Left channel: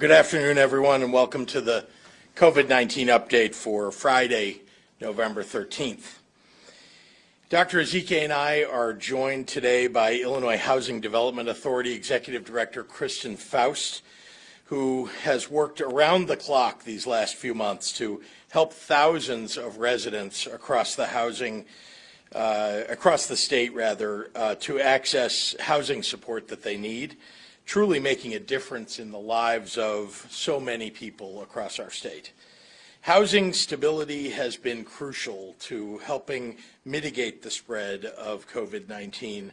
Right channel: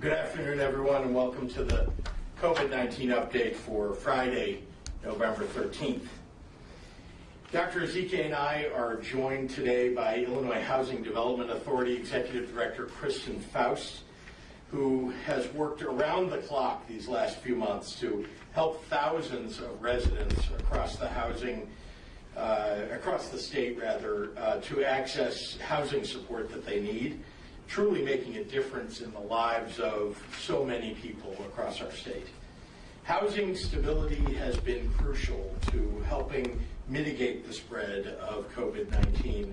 Good afternoon, everyone, and welcome to the COVID-19 update for Friday, November 13th. Dr. Ezike and I are joined today by Illinois Housing Development Authority Executive Director Kristen Faust, who has worked around the clock these last few months to help thousands of residents across the state to access housing support that they need, truly making a difference in the lives of so many people across our state. Housing stability has been crucial to helping mitigate the spread of COVID-19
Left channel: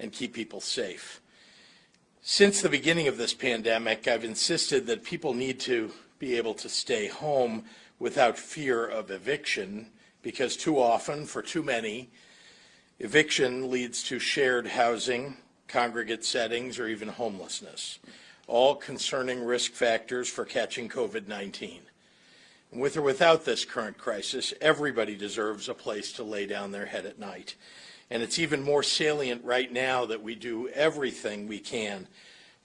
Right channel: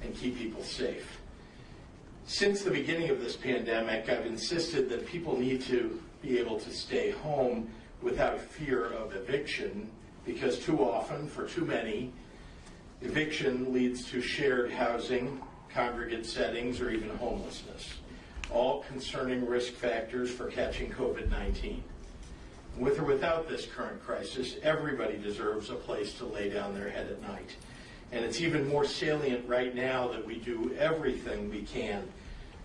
and keep people safe. Since the beginning of this pandemic, I've insisted that people need to be able to stay home without fear of eviction, because too often, for too many, eviction leads to shared housing, congregate settings, or even homelessness, all concerning risk factors for catching COVID-19. With or without this current crisis, everybody deserves a place to lay down their head at night. And it's even more salient right now that we do everything we can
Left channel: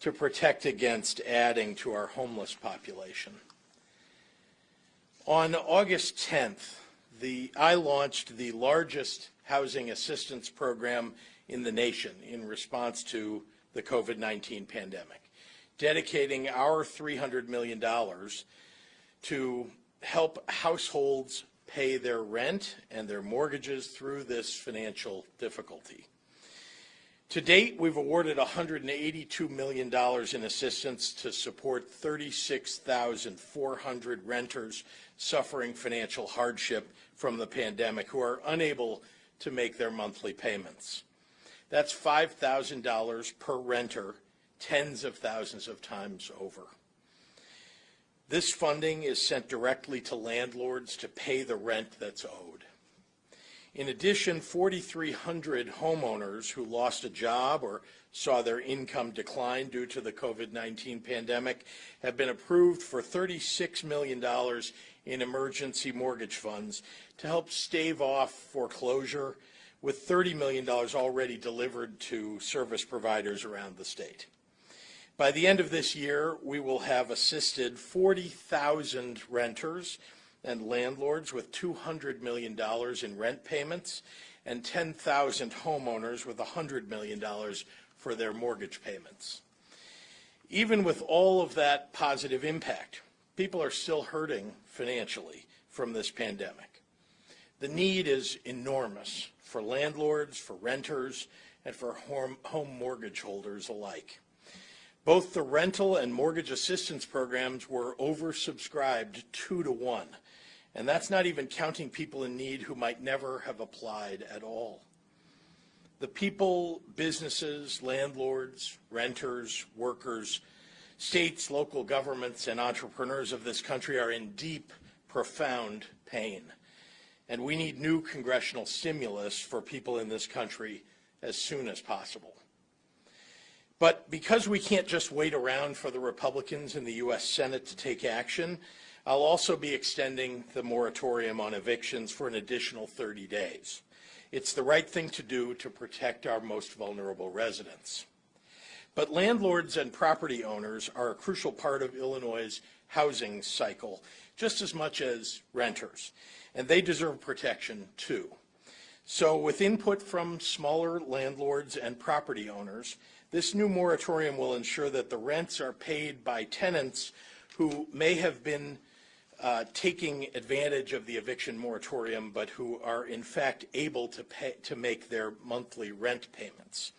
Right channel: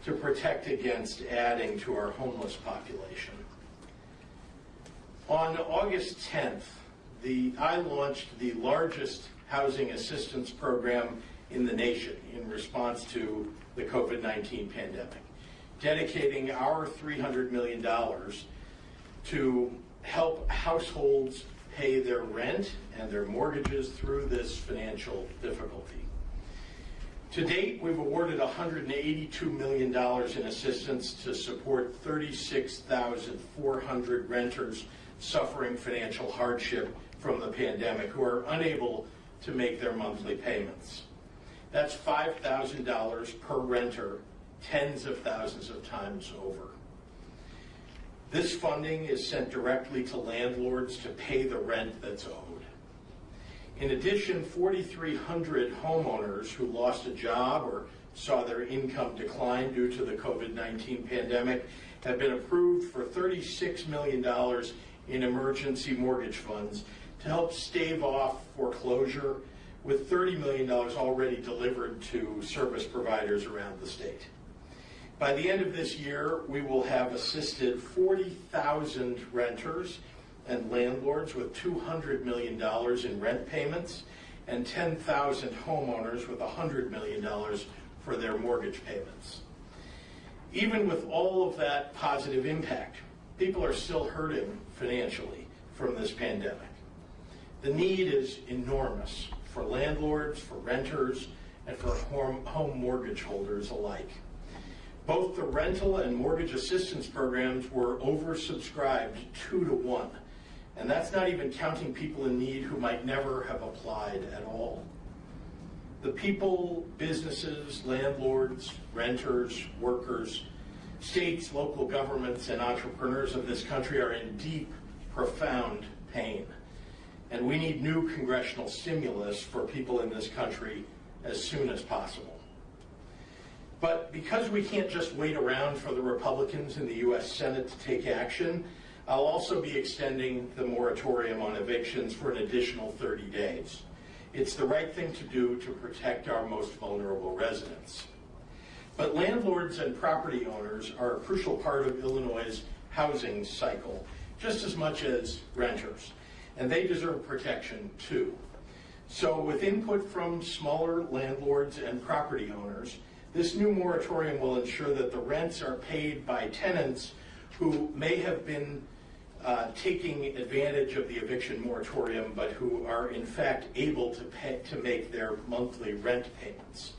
to protect against adding to our homeless population. On August 10th, I launched the largest housing assistance program in the nation in response to the COVID-19 pandemic, dedicating our $300 million to help households pay their rent and their mortgages through this financial difficulty. To date, we've awarded $182 million in assistance to support 36,400 renters suffering financial hardship from the pandemic who are unable to make their monthly payments. That's $5,000 per renter, tens of thousands of times over. This funding is sent directly to landlords to pay the rent that's owed. In addition, 4,300 homeowners who lost a job or saw their income decline due to the COVID-19 pandemic have been approved for $36 million in emergency mortgage funds to help stave off foreclosure, with $30 million already delivered to service providers around the state. By the end of this year, we will have assisted 40,000 renters and landlords with $200 million in rent payments and 10,000 homeowners with $100 million for their mortgage payments. Even with all of that positive impact, people are still hurting financially from this pandemic. The need is enormous for landlords, for renters, and for home mortgage holders alike. Both the rental and mortgage assistance programs were oversubscribed 2-to-1, and that's not even counting people in need who might never have applied at all. The people, businesses, landlords, renters, workers, states, local governments, and entrepreneurs of this country are in deep, profound pain. And we need new congressional stimulus for people in this country as soon as possible. But because we can't just wait around for the Republicans in the U.S. Senate to take action, I'll also be extending the moratorium on evictions for an additional 30 days. It's the right thing to do to protect our most vulnerable residents. But landlords and property owners are a crucial part of Illinois' housing cycle, just as much as renters, and they deserve protection too. So with input from smaller landlords and property owners, this new moratorium will ensure that the rents are paid by tenants who may have been taking advantage of the eviction moratorium, but who are in fact able to make their monthly rent payments.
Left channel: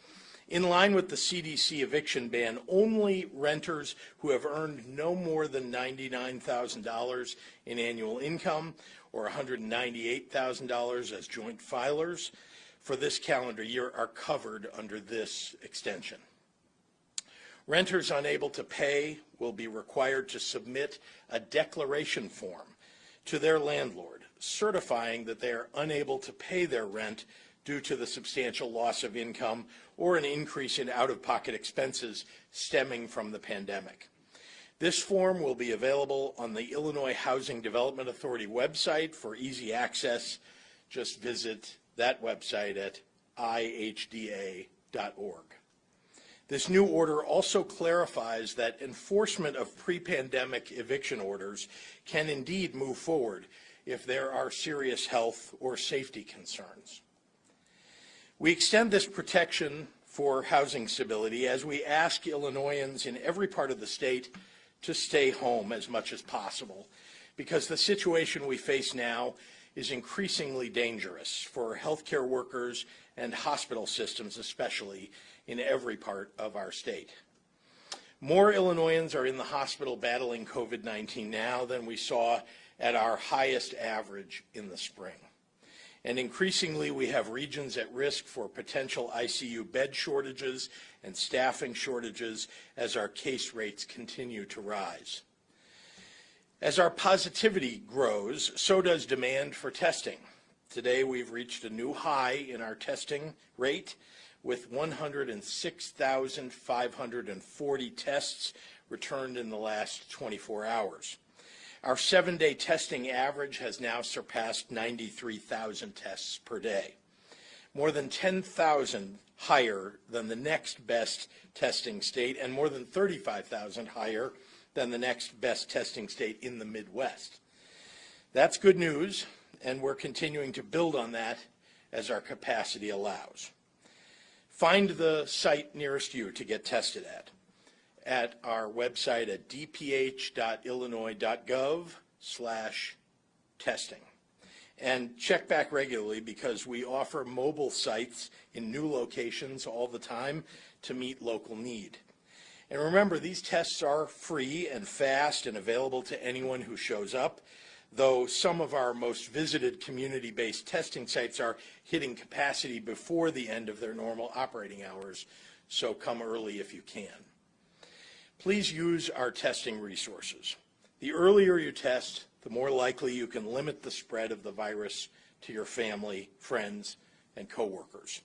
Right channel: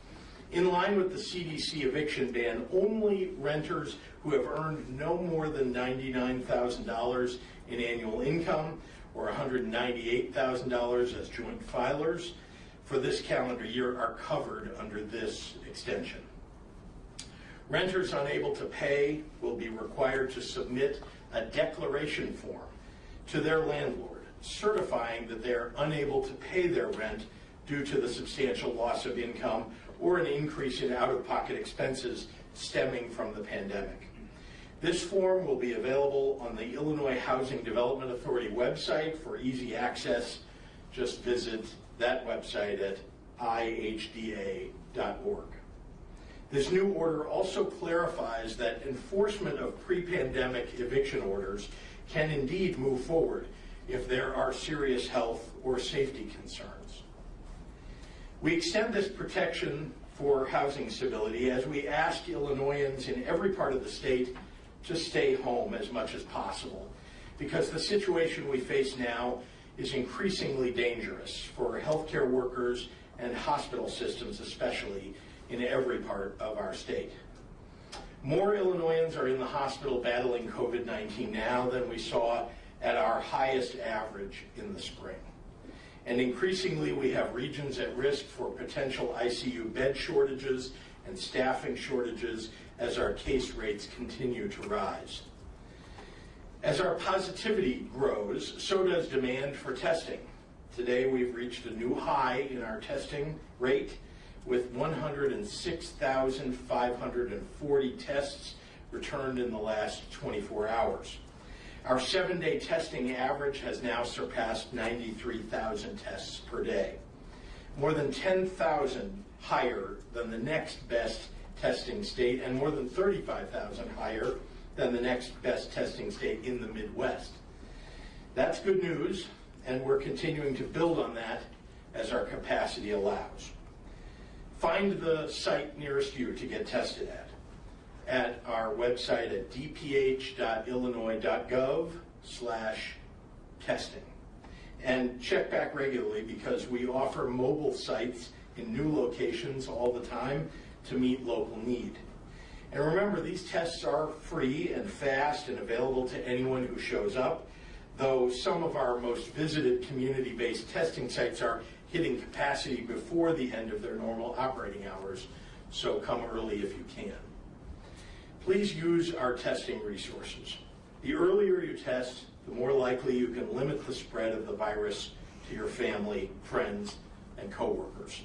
In line with the CDC eviction ban, only renters who have earned no more than $99,000 in annual income or $198,000 as joint filers for this calendar year are covered under this extension. Renters unable to pay will be required to submit a declaration form to their landlord certifying that they are unable to pay their rent due to the substantial loss of income or an increase in out-of-pocket expenses stemming from the pandemic. This form will be available on the Illinois Housing Development Authority website for easy access. Just visit that website at ihda.org. This new order also clarifies that enforcement of pre-pandemic eviction orders can indeed move forward if there are serious health or safety concerns. We extend this protection for housing stability as we ask Illinoisans in every part of the state to stay home as much as possible, because the situation we face now is increasingly dangerous for healthcare workers and hospital systems, especially in every part of our state. More Illinoisans are in the hospital battling COVID-19 now than we saw at our highest average in the spring. And increasingly, we have regions at risk for potential ICU bed shortages and staffing shortages as our case rates continue to rise. As our positivity grows, so does demand for testing. Today, we've reached a new high in our testing rate with 106,540 tests returned in the last 24 hours. Our 7-day testing average has now surpassed 93,000 tests per day, more than 10,000 higher than the next best testing state and more than 35,000 higher than the next best testing state in the Midwest. That's good news, and we're continuing to build on that as our capacity allows. Find the site nearest you to get tested at our website at dph.illinois.gov/testing. And check back regularly because we offer mobile sites in new locations all the time to meet local need. And remember, these tests are free and fast and available to anyone who shows up, though some of our most visited community-based testing sites are hitting capacity before the end of their normal operating hours, so come early if you can. Please use our testing resources. The earlier you test, the more likely you can limit the spread of the virus to your family, friends, and coworkers.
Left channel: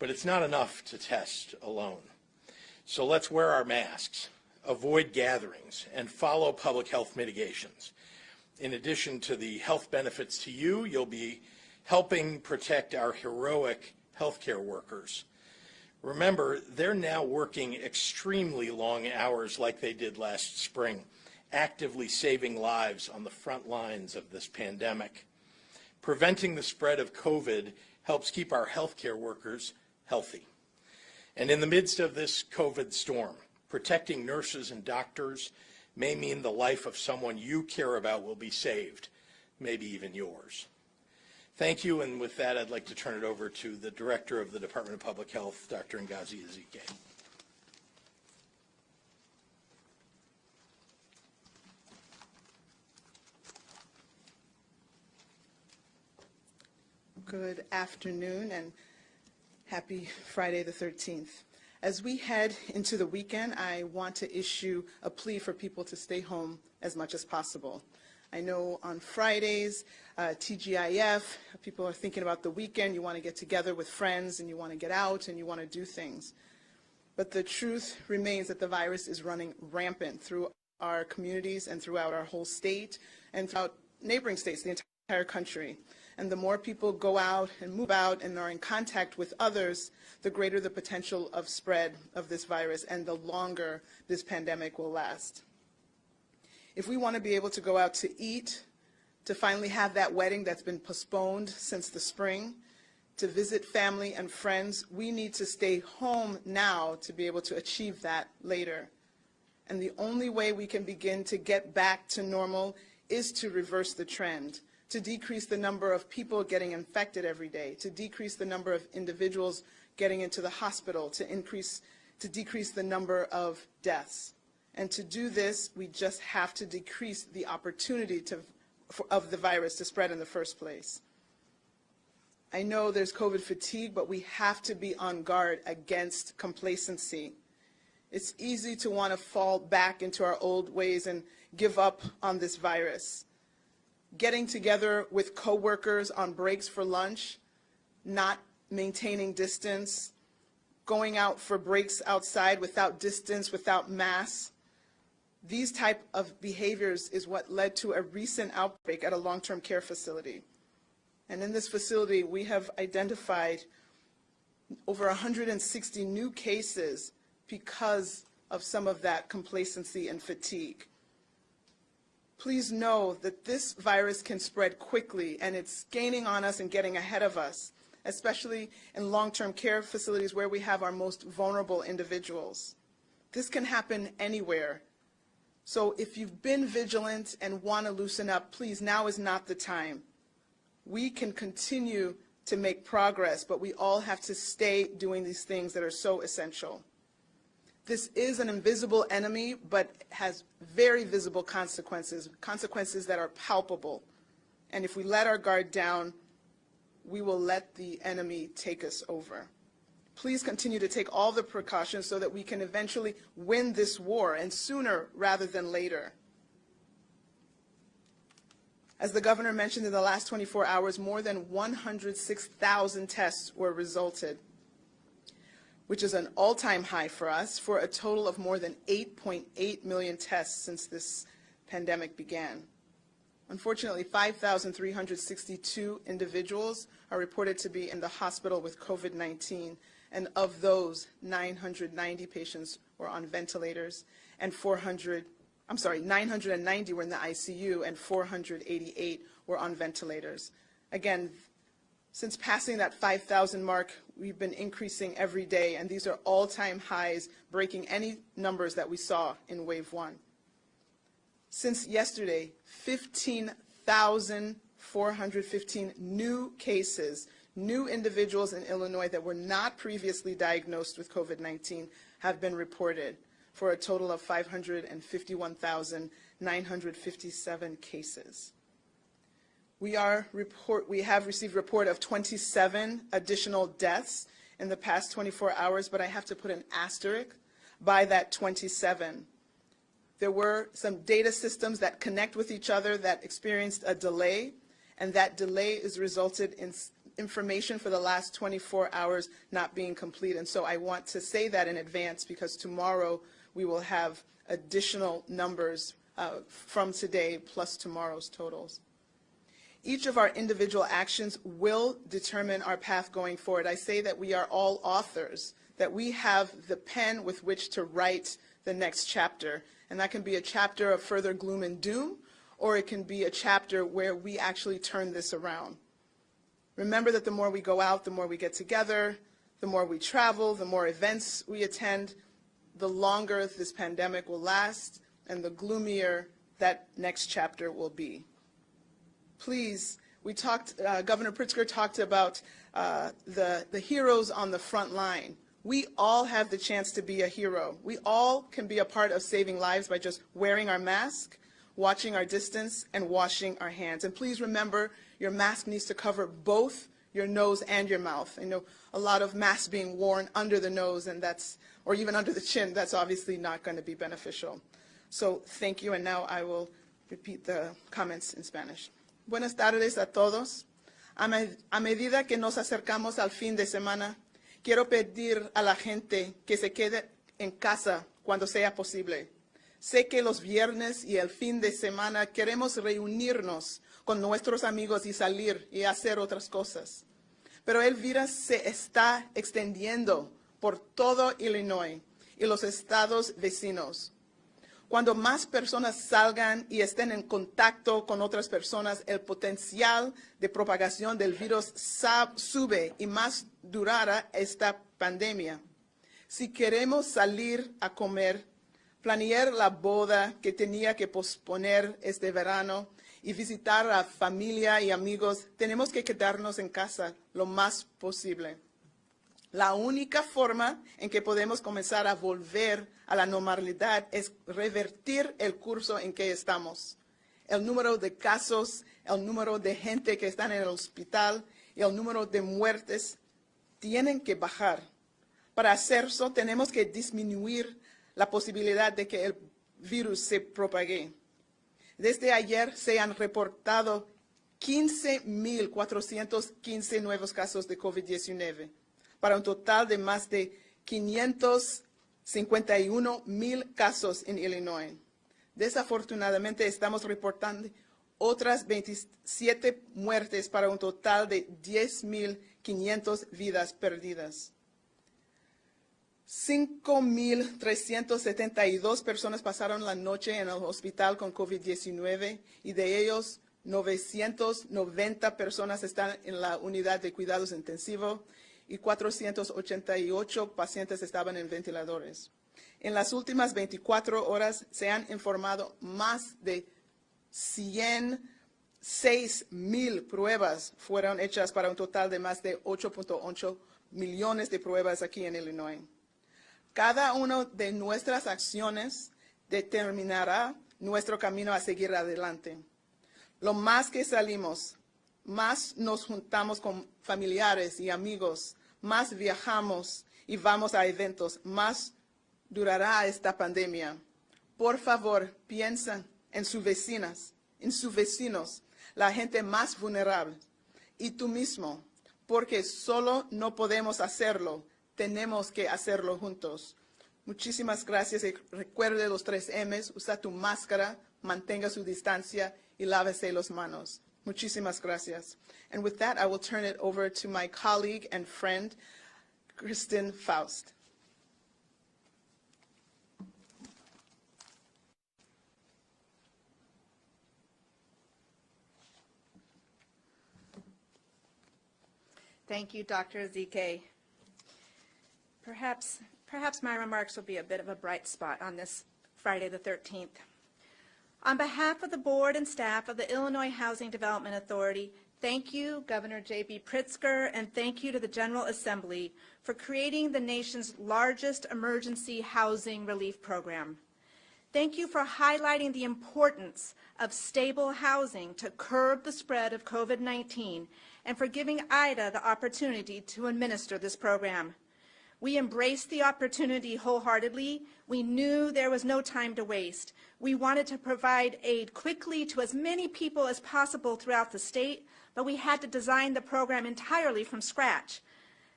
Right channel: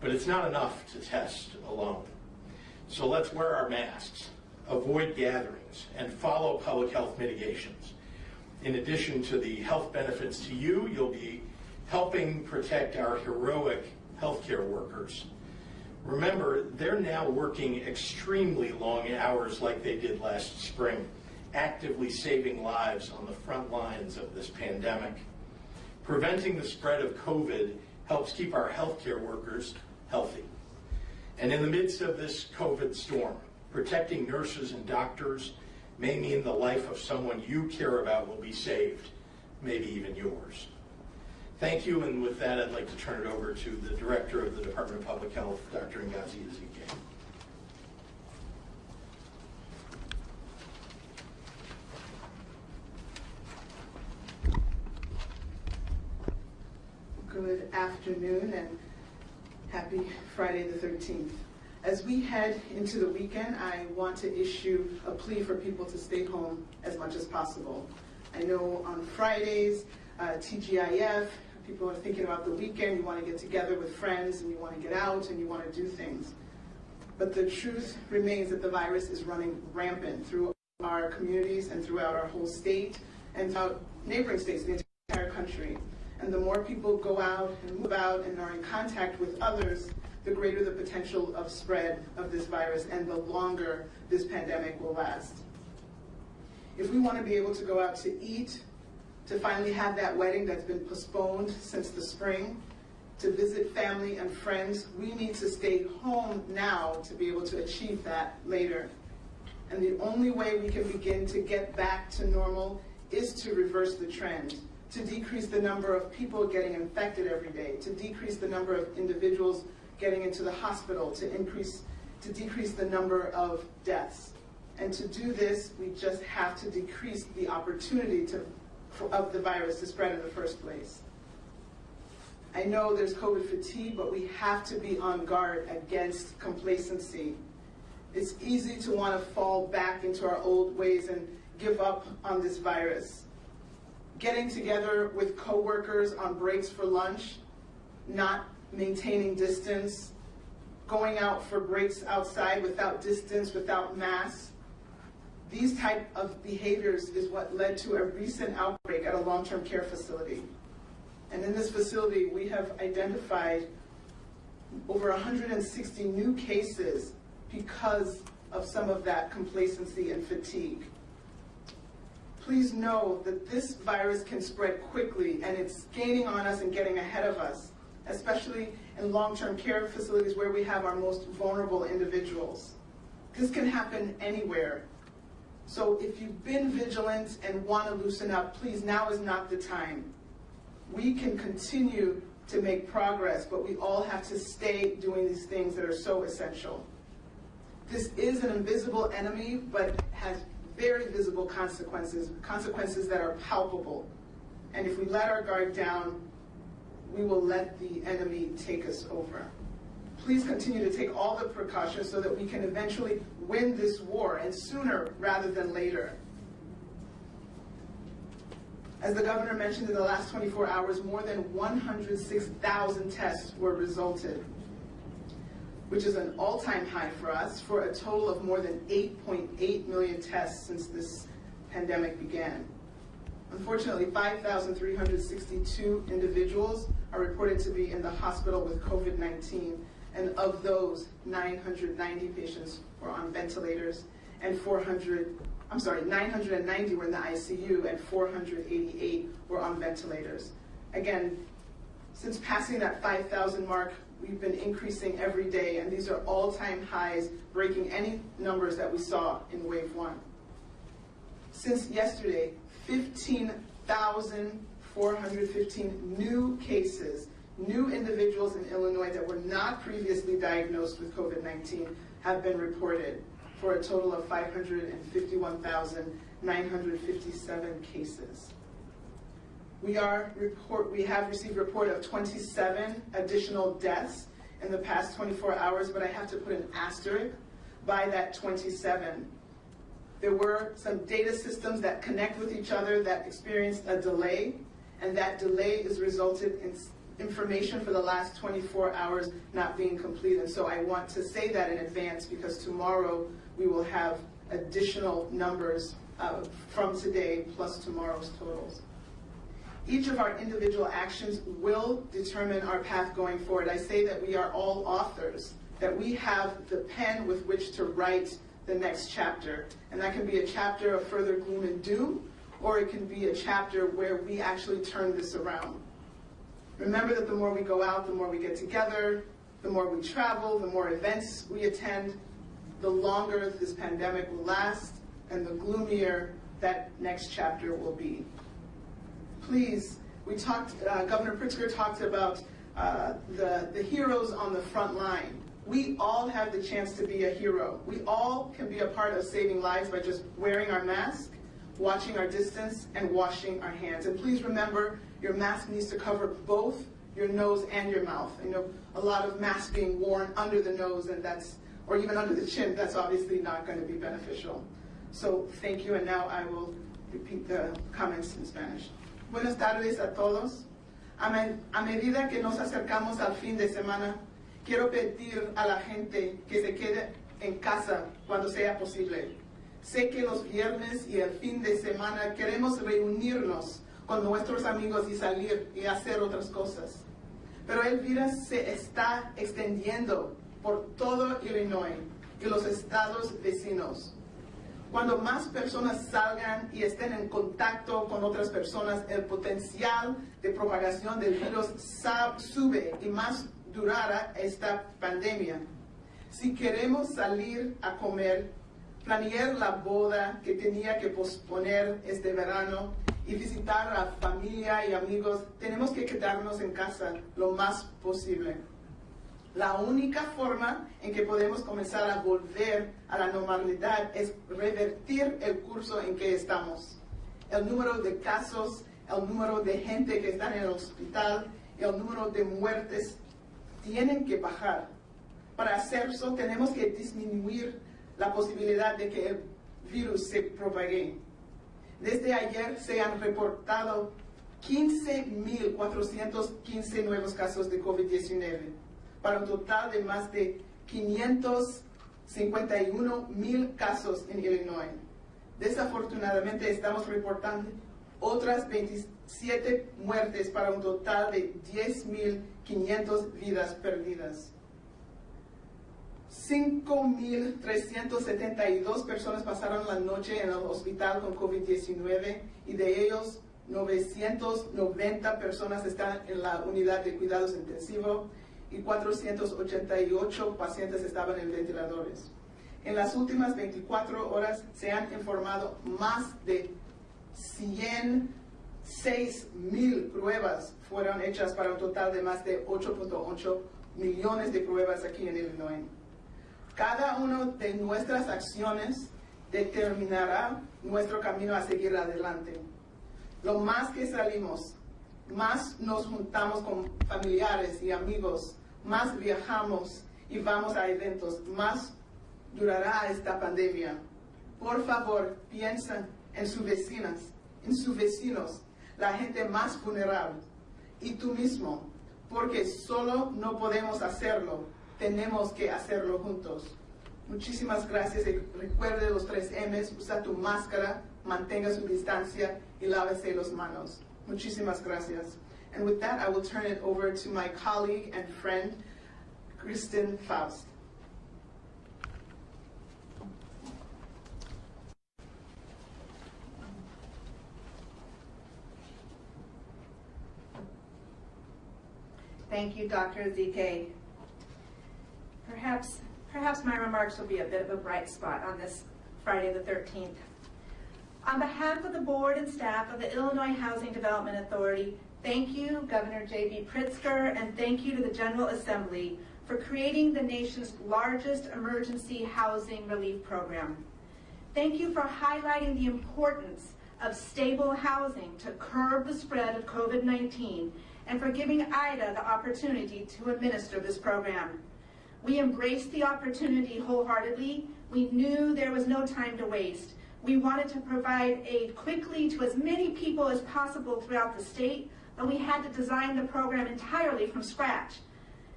But it's not enough to test alone. So let's wear our masks, avoid gatherings, and follow public health mitigations. In addition to the health benefits to you, you'll be helping protect our heroic healthcare workers. Remember, they're now working extremely long hours like they did last spring, actively saving lives on the front lines of this pandemic. Preventing the spread of COVID helps keep our healthcare workers healthy. And in the midst of this COVID storm, protecting nurses and doctors may mean the life of someone you care about will be saved, maybe even yours. Thank you, and with that, I'd like to turn it over to the Director of the Department of Public Health, Dr. Ngozi Ezike. Good afternoon and happy Friday the 13th. As we head into the weekend, I want to issue a plea for people to stay home as much as possible. I know on Fridays, TGIF, people are thinking about the weekend, you want to get together with friends and you want to get out and you want to do things. But the truth remains that the virus is running rampant through our communities and throughout our whole state and throughout neighboring states, the entire country. And the more people go out and move out and are in contact with others, the greater the potential of spread of this virus and the longer this pandemic will last. If we want to be able to go out to eat, to finally have that wedding that's been postponed since the spring, to visit family and friends, we need to stay home now to be able to achieve that later. And the only way we can begin to get back to normal is to reverse the trend, to decrease the number of people getting infected every day, to decrease the number of individuals getting into the hospital, to decrease the number of deaths. And to do this, we just have to decrease the opportunity of the virus to spread in the first place. I know there's COVID fatigue, but we have to be on guard against complacency. It's easy to want to fall back into our old ways and give up on this virus. Getting together with coworkers on breaks for lunch, not maintaining distance, going out for breaks outside without distance, without masks. These type of behaviors is what led to a recent outbreak at a long-term care facility. And in this facility, we have identified over 160 new cases because of some of that complacency and fatigue. Please know that this virus can spread quickly, and it's gaining on us and getting ahead of us, especially in long-term care facilities where we have our most vulnerable individuals. This can happen anywhere. So if you've been vigilant and want to loosen up, please, now is not the time. We can continue to make progress, but we all have to stay doing these things that are so essential. This is an invisible enemy, but has very visible consequences, consequences that are palpable. And if we let our guard down, we will let the enemy take us over. Please continue to take all the precautions so that we can eventually win this war, and sooner rather than later. As the governor mentioned, in the last 24 hours, more than 106,000 tests were resulted, which is an all-time high for us, for a total of more than 8.8 million tests since this pandemic began. Unfortunately, 5,362 individuals are reported to be in the hospital with COVID-19, and of those, 990 patients were on ventilators, and 990 were in the ICU, and 488 were on ventilators. Again, since passing that 5,000 mark, we've been increasing every day, and these are all-time highs, breaking any numbers that we saw in wave 1. Since yesterday, 15,415 new cases, new individuals in Illinois that were not previously diagnosed with COVID-19 have been reported, for a total of 551,957 cases. We have received report of 27 additional deaths in the past 24 hours, but I have to put an asterisk by that 27. There were some data systems that connect with each other that experienced a delay, and that delay has resulted in information for the last 24 hours not being complete. And so I want to say that in advance, because tomorrow we will have additional numbers from today plus tomorrow's totals. Each of our individual actions will determine our path going forward. I say that we are all authors, that we have the pen with which to write the next chapter. And that can be a chapter of further gloom and doom, or it can be a chapter where we actually turn this around. Remember that the more we go out, the more we get together, the more we travel, the more events we attend, the longer this pandemic will last, and the gloomier that next chapter will be. Please, Governor Pritzker talked about the heroes on the front line. We all have the chance to be a hero. We all can be a part of saving lives by just wearing our mask, watching our distance, and washing our hands. And please remember, your mask needs to cover both your nose and your mouth. I know a lot of masks being worn under the nose, and or even under the chin, that's obviously not going to be beneficial. So thank you, and now I will repeat the comments in Spanish. Buenas tardes a todos. A medida que nos acercamos al fin de semana, quiero pedir a la gente que se quede en casa cuando sea posible. Sé que los viernes y el fin de semana queremos reunirnos con nuestros amigos y salir y hacer otras cosas. Pero el virus se está extendiendo por todo Illinois y los estados vecinos. Cuando más personas salgan y estén en contacto con otras personas, el potencial de propagación del virus sube y más durará esta pandemia. Si queremos salir a comer, planear la boda que tenía que posponer este verano y visitar a familia y amigos, tenemos que quedarnos en casa lo más posible. La única forma en que podemos comenzar a volver a la normalidad es revertir el curso en que estamos. El número de casos, el número de gente que está en el hospital, el número de muertes tienen que bajar. Para hacer eso tenemos que disminuir la posibilidad de que el virus se propague. Desde ayer se han reportado 15.415 nuevos casos de COVID-19, para un total de más de 551,000 casos en Illinois. Desafortunadamente estamos reportando otras 27 muertes para un total de 10.500 vidas perdidas. 5,372 personas pasaron la noche en el hospital con COVID-19 y de ellos 990 personas están en la unidad de cuidados intensivos y 488 pacientes estaban en ventiladores. En las últimas 24 horas se han informado más de 106,000 pruebas fueron hechas para un total de más de 8.8 millones de pruebas aquí en Illinois. Cada una de nuestras acciones determinará nuestro camino a seguir adelante. Lo más que salimos, más nos juntamos con familiares y amigos, más viajamos y vamos a eventos, más durará esta pandemia. Por favor, piensen en sus vecinas, en sus vecinos, la gente más vulnerable, y tú mismo, porque solo no podemos hacerlo, tenemos que hacerlo juntos. Muchísimas gracias y recuerde los 3 M's, usa tu máscara, mantenga su distancia y lávese las manos. Muchísimas gracias. And with that, I will turn it over to my colleague and friend, Kristen Faust. Thank you, Dr. Ezike. Perhaps my remarks will be a bit of a bright spot on this Friday the 13th. On behalf of the board and staff of the Illinois Housing Development Authority, thank you, Governor J.B. Pritzker, and thank you to the General Assembly for creating the nation's largest emergency housing relief program. Thank you for highlighting the importance of stable housing to curb the spread of COVID-19 and for giving IDA the opportunity to administer this program. We embraced the opportunity wholeheartedly. We knew there was no time to waste. We wanted to provide aid quickly to as many people as possible throughout the state, but we had to design the program entirely from scratch.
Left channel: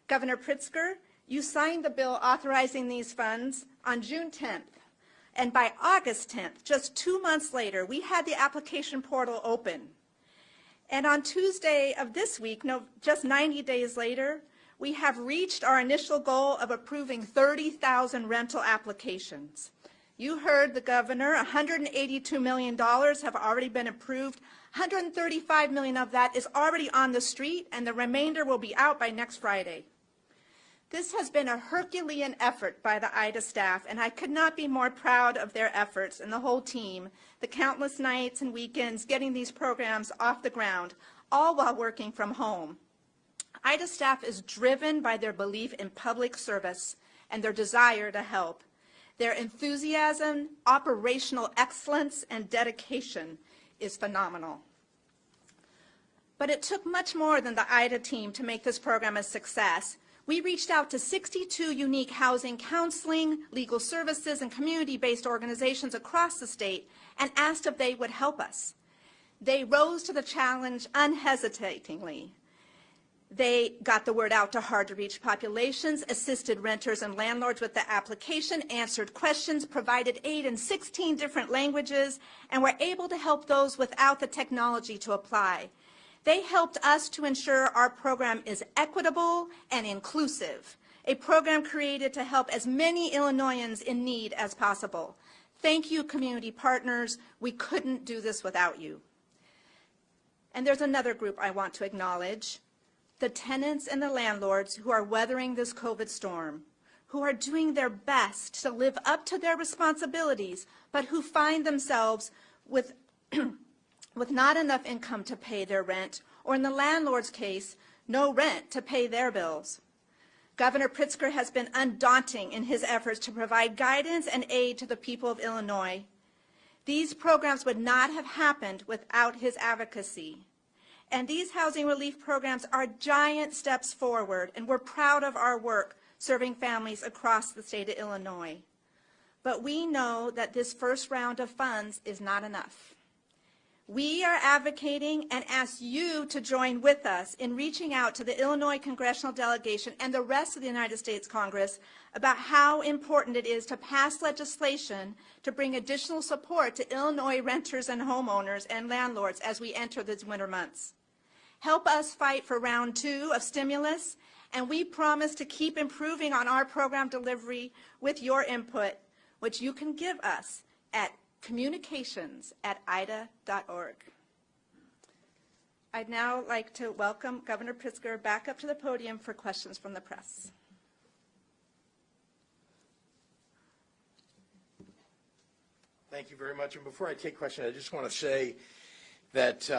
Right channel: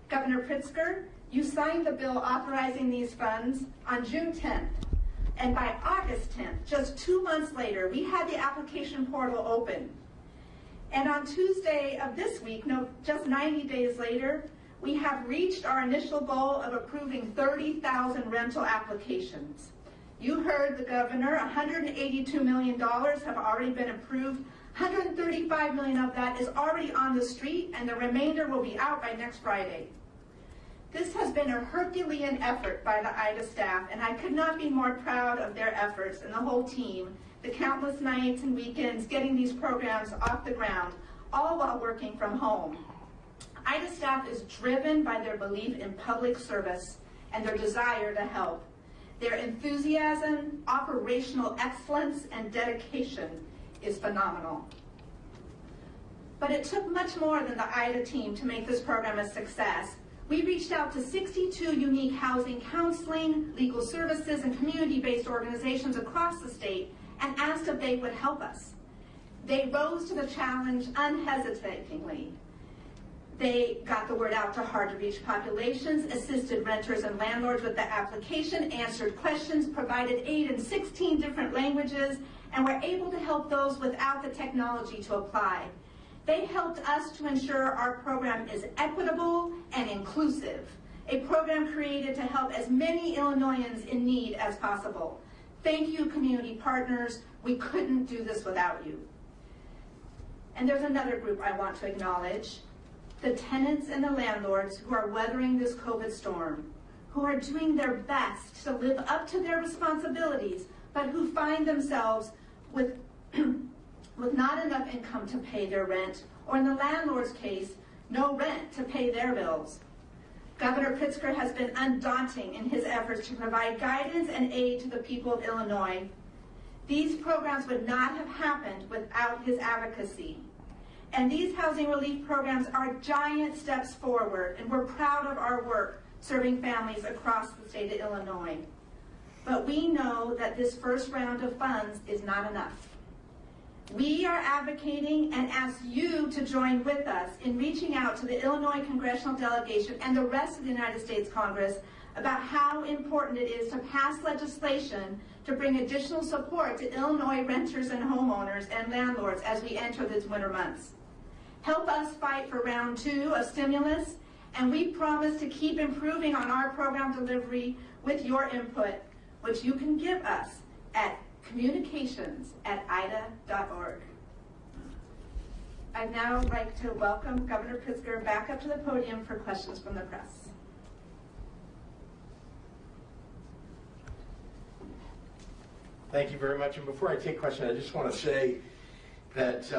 Governor Pritzker, you signed the bill authorizing these funds on June 10th. And by August 10th, just 2 months later, we had the application portal open. And on Tuesday of this week, just 90 days later, we have reached our initial goal of approving 30,000 rental applications. You heard the governor, $182 million have already been approved. $135 million of that is already on the street, and the remainder will be out by next Friday. This has been a Herculean effort by the IDA staff, and I could not be more proud of their efforts and the whole team, the countless nights and weekends getting these programs off the ground, all while working from home. IDA staff is driven by their belief in public service and their desire to help. Their enthusiasm, operational excellence, and dedication is phenomenal. But it took much more than the IDA team to make this program a success. We reached out to 62 unique housing counseling, legal services, and community-based organizations across the state and asked if they would help us. They rose to the challenge unhesitatingly. They got the word out to hard-to-reach populations, assisted renters and landlords with the application, answered questions, provided aid in 16 different languages, and were able to help those without the technology to apply. They helped us to ensure our program is equitable and inclusive, a program created to help as many Illinoisans in need as possible. Thank you, community partners. We couldn't do this without you. And there's another group I want to acknowledge, the tenants and the landlords who are weathering this COVID storm, who are doing their best to live up to their responsibilities, but who find themselves with not enough income to pay their rent, or in the landlord's case, no rent to pay their bills. Governor Pritzker has been undaunting in his efforts to provide guidance and aid to the people of Illinois. These programs would not have happened without his advocacy. And these housing relief programs are giant steps forward, and we're proud of our work serving families across the state of Illinois. But we know that this first round of funds is not enough. We are advocating and ask you to join with us in reaching out to the Illinois congressional delegation and the rest of the United States Congress about how important it is to pass legislation to bring additional support to Illinois renters and homeowners and landlords as we enter these winter months. Help us fight for round 2 of stimulus And we promise to keep improving on our program delivery with your input, which you can give us at communications@ida.org. I'd now like to welcome Governor Pritzker back up to the podium for questions from the press. Thank you very much. And before I take questions, I just want to say that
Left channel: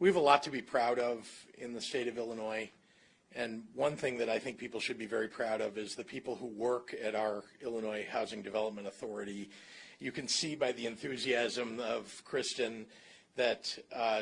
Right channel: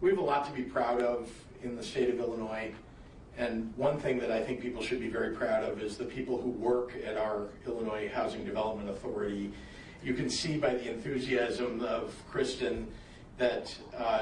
we have a lot to be proud of in the state of Illinois. And one thing that I think people should be very proud of is the people who work at our Illinois Housing Development Authority. You can see by the enthusiasm of Kristen that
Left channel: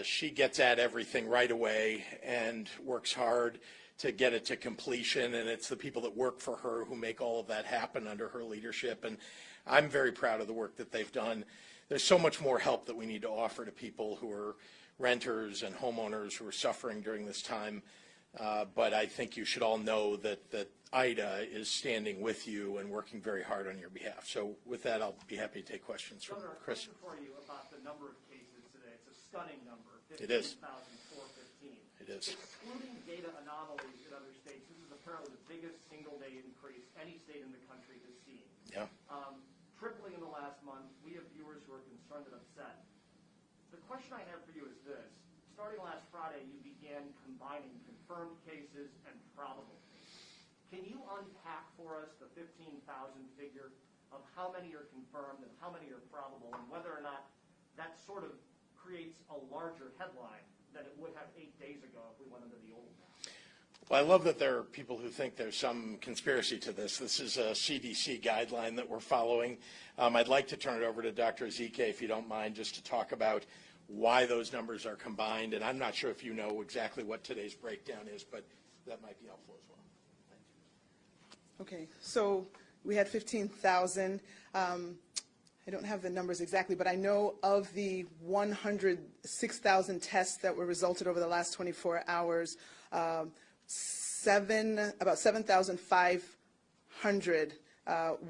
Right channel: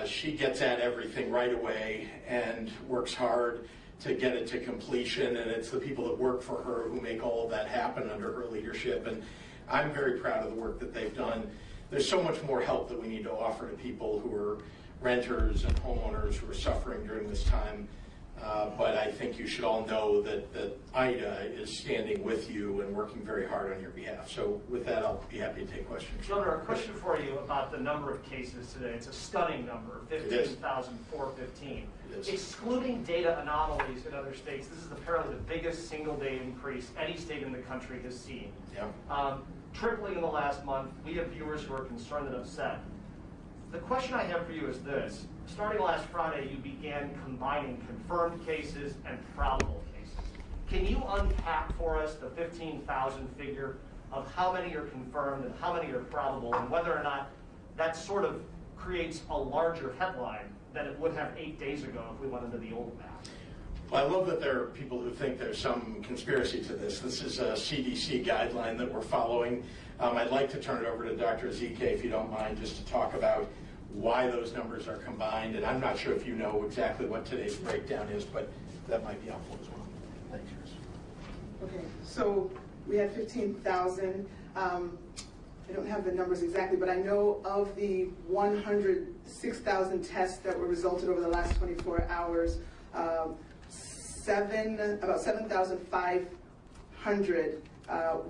she gets at everything right away and works hard to get it to completion. And it's the people that work for her who make all of that happen under her leadership. And I'm very proud of the work that they've done. There's so much more help that we need to offer to people who are renters and homeowners who are suffering during this time. But I think you should all know that IDA is standing with you and working very hard on your behalf. So with that, I'll be happy to take questions. Governor, a question for you about the number of cases today. It's a stunning number, 15,415. Excluding data anomalies in other states, this is apparently the biggest single-day increase any state in the country has seen. Yeah. Tripling in the last month. We have viewers who are concerned and upset. The question I have for you is this. Starting last Friday, you began combining confirmed cases and probable cases. Can you unpack for us the 15,000 figure of how many are confirmed and how many are probable, and whether or not that sort of creates a larger headline than it would have 8 days ago if we went into the old math? Well, I love that there are people who think there's some conspiracy to this. This is a CDC guideline that we're following. I'd like to turn it over to Dr. Ezike, if you don't mind, just to talk about why those numbers are combined. And I'm not sure if you know exactly what today's breakdown is, but that might be helpful as well. Thank you. Okay, so we had 15,000. I don't have the numbers exactly, but I know of the 106,000 tests that were resulted over the last 24 hours, about 7,500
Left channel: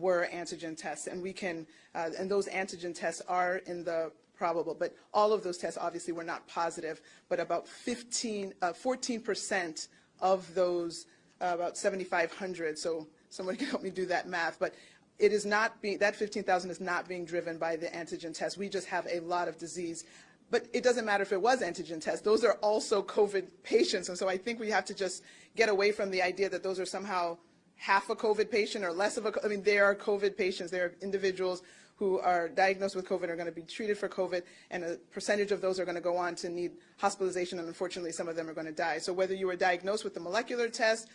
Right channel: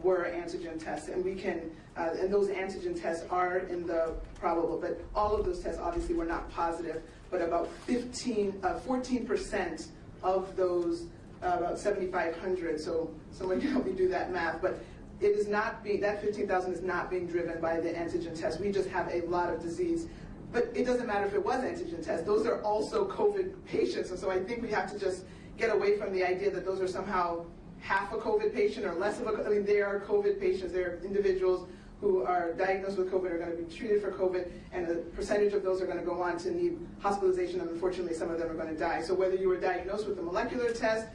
were antigen tests, and we can, and those antigen tests are in the probable, but all of those tests obviously were not positive, but about 14% of those, about 7,500, so someone can help me do that math, but it is not being, that 15,000 is not being driven by the antigen test. We just have a lot of disease. But it doesn't matter if it was antigen tests. Those are also COVID patients, and so I think we have to just get away from the idea that those are somehow half a COVID patient or less of a, I mean, they are COVID patients. They're individuals who are diagnosed with COVID are going to be treated for COVID, and a percentage of those are going to go on to need hospitalization, and unfortunately some of them are going to die. So whether you were diagnosed with the molecular test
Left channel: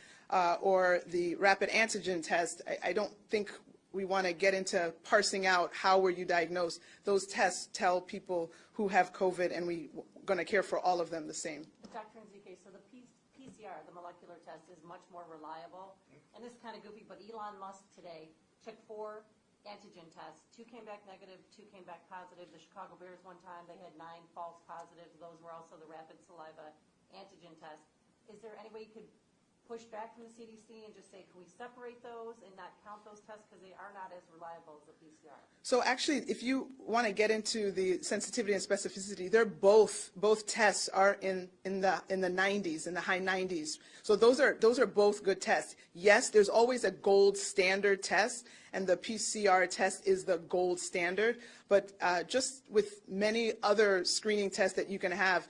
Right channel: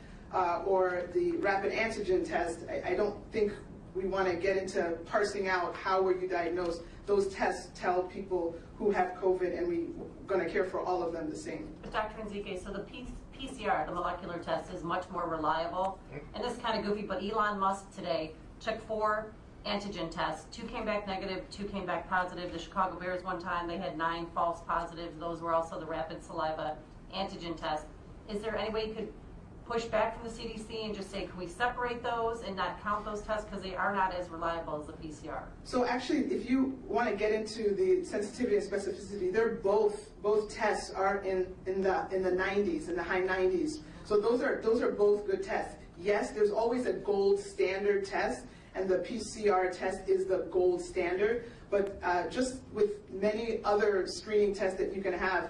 or the rapid antigen test, I don't think we want to get into parsing out how were you diagnosed. Those tests tell people who have COVID, and we're going to care for all of them the same. But Dr. Ezike, so the PCR, the molecular test, is much more reliable. And this is kind of goofy, but Elon Musk today took 4 antigen tests. 2 came back negative, 2 came back positive. The Chicago Bears one time, they had 9 false positives. Those were also the rapid saliva antigen test. Is there any way you could push back from the CDC and just say, can we separate those and not count those tests because they are not as reliable as the PCR? So actually, if you want to get into the sensitivity and specificity, they're both tests are in the 90s, in the high 90s. So those are both good tests. Yes, there's always a gold standard test, and the PCR test is the gold standard. But just with many other screening tests that you can have,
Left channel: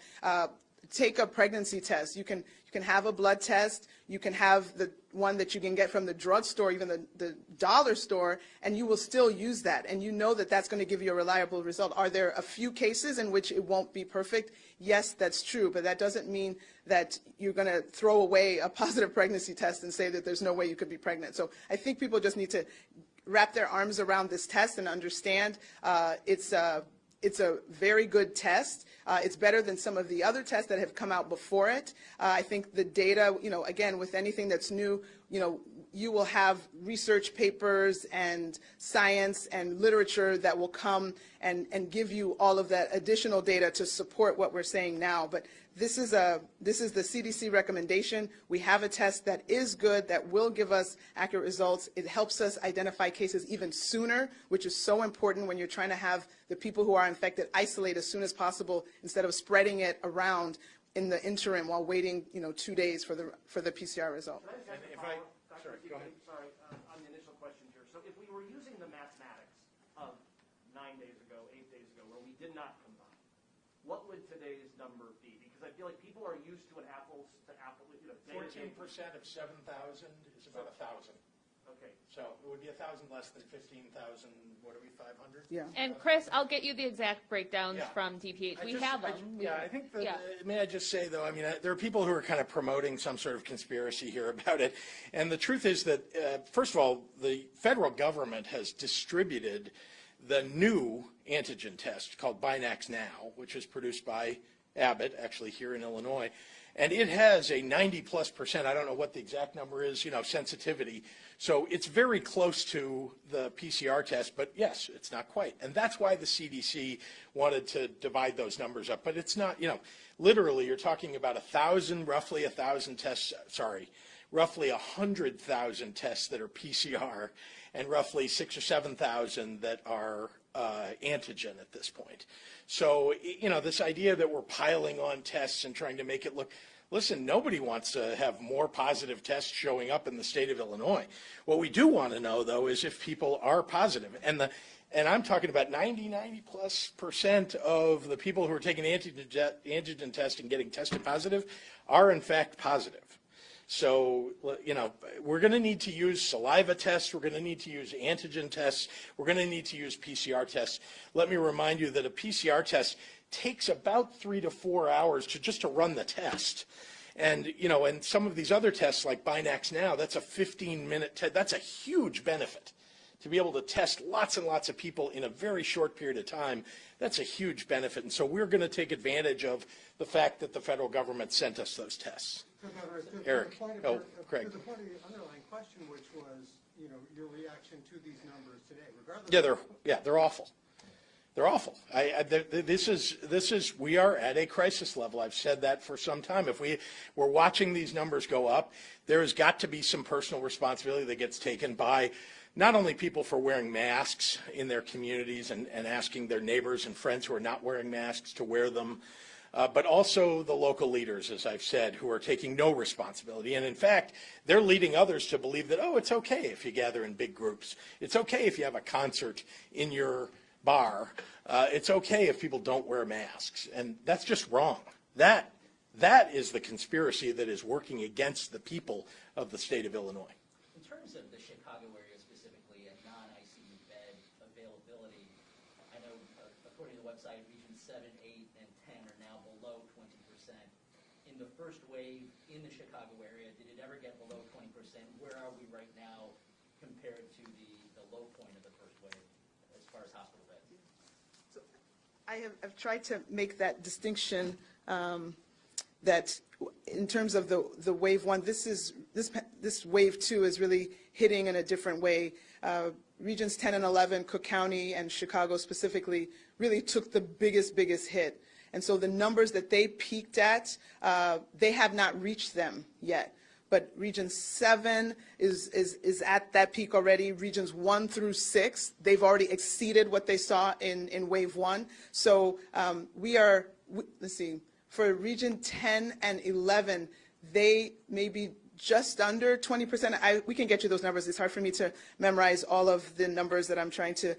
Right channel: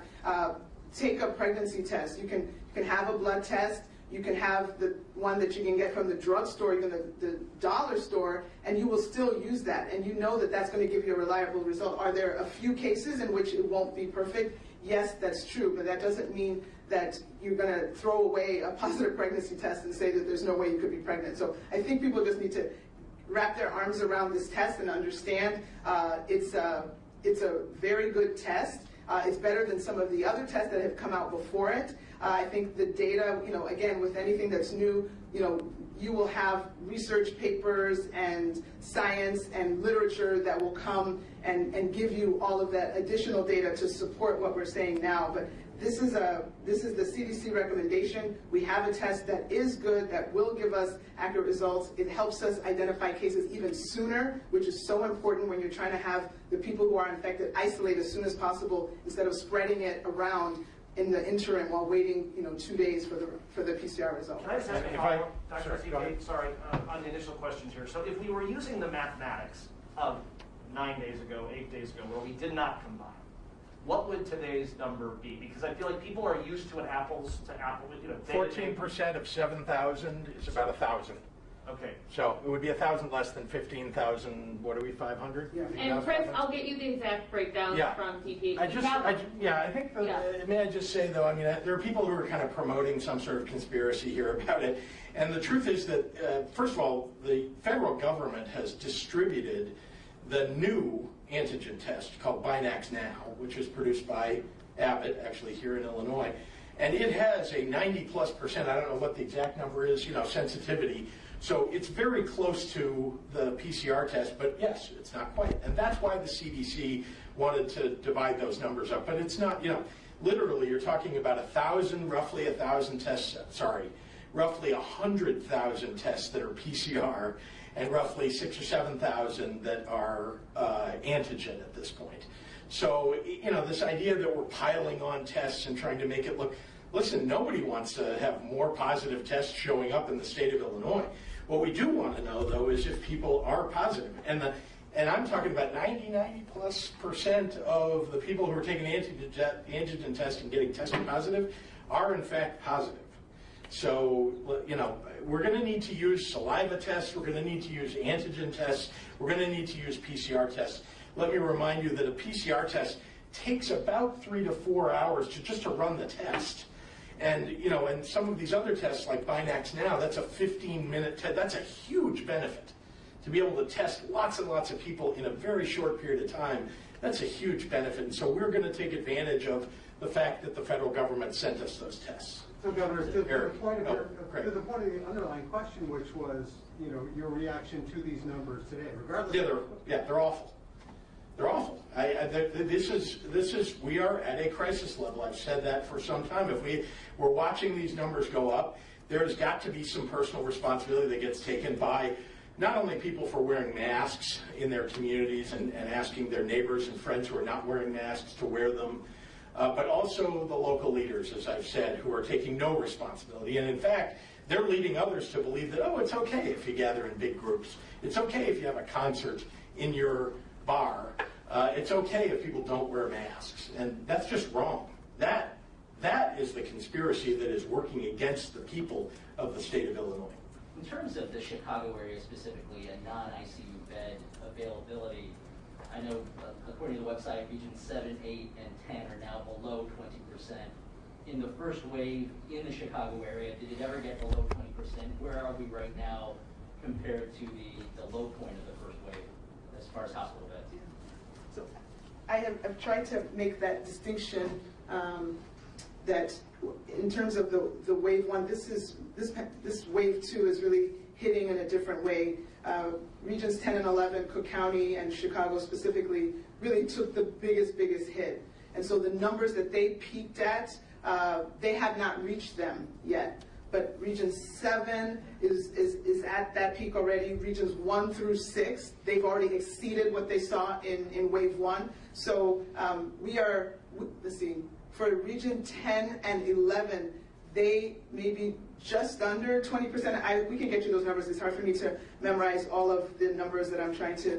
take a pregnancy test. You can have a blood test. You can have the one that you can get from the drugstore, even the dollar store, and you will still use that. And you know that that's going to give you a reliable result. Are there a few cases in which it won't be perfect? Yes, that's true, but that doesn't mean that you're going to throw away a positive pregnancy test and say that there's no way you could be pregnant. So I think people just need to wrap their arms around this test and understand it's a very good test. It's better than some of the other tests that have come out before it. I think the data, again, with anything that's new, you will have research papers and science and literature that will come and give you all of that additional data to support what we're saying now. But this is the CDC recommendation. We have a test that is good, that will give us accurate results. It helps us identify cases even sooner, which is so important when you're trying to have the people who are infected isolate as soon as possible instead of spreading it around. in the interim while waiting, 2 days for the PCR result. Can I just ask a If I- follow-up, Dr. sorry, go ahead. Sorry, on the initial questions here. So if we were using the mathematics of 9 days ago, 8 days ago, where we did not combine, what would today's number be? Because I feel like people are used to an apples to apple, 14% of 7,000 is about 1,000. Okay. So it would be 1,000 less than 15,000. What are we, 500? Yeah. And Chris, I'll get you the exact breakdowns Yeah. from TPH. I We just, have I, them. yeah, I think, Yeah. may I just say though, there are people who are kind of promoting some sort of conspiracy here about it. And the truth is that, first of all, the federal government has distributed the new antigen test called Binax Now, which is produced by Abbott, actually here in Illinois. And it has a 90+%, I don't know what the exact number is, sensitivity. So it's very close to the PCR test, but yes, it's not quite. And that's why the CDC wanted to divide those numbers up. But it's not, literally you're talking about roughly 1,000 tests, roughly 100,000 tests that are PCR, and roughly 6,000 or 7,000 that are antigen at this point. So, this idea that we're piling on tests and trying to make it look, listen, nobody wants to have more positive tests showing up in the state of Illinois. What we do want to know, though, is if people are positive. And I'm talking about 90+% of the people who are taking antigen test and getting tested positive are in fact positive. So, we're going to need to use saliva tests, we're going to need to use antigen tests, we're going to need to use PCR tests. Let me remind you that a PCR test takes about 3 to 4 hours to run the test. And, and some of these other tests like Binax Now, that's a 15-minute test. That's a huge benefit. To be able to test lots and lots of people in a very short period of time, that's a huge benefit. And so we're going to take advantage of the fact that the federal government sent us those tests. So, Governor, to the Eric. point Oh, of great. to the point of the underlying question, which was, your reaction to these numbers today, regardless. They're awful. They're awful. We are at a crisis level. I've said that for some time. If we're watching these numbers go up, there has got to be some personal responsibility that gets taken by not only people for wearing masks in their communities and asking their neighbors and friends who are not wearing masks to wear them, but also the local leaders, as I've said, who are taking no responsibility. And in fact, they're leading others to believe that, it's okay if you gather in big groups. It's okay if you have a concert in your bar. It's okay if people don't wear masks. And that's just wrong. That is the conspiracy that is working against the people of the state of Illinois. In terms of the Chicago area specifically and non-ICU bed availability, I know according to the website, regions 7, 8, and 10 are now below 20%. In the first wave in the Chicago area, did it ever get below 20%? Where are we right now compared to the low point of the first wave as far as hospital beds? So I've tried to make that distinction that in terms of the wave one, this wave two is really hitting in a different way. Regions 10 and 11, Cook County and Chicago specifically, really took the biggest hit. And so the numbers that they peaked at, they have not reached them yet. But Region 7 is at that peak already. Regions 1 through 6, they've already exceeded what they saw in wave 1. So let's see, for Region 10 and 11, they may be just under 20%. We can get you those numbers. It's hard for me to memorize all of the numbers that I'm trying to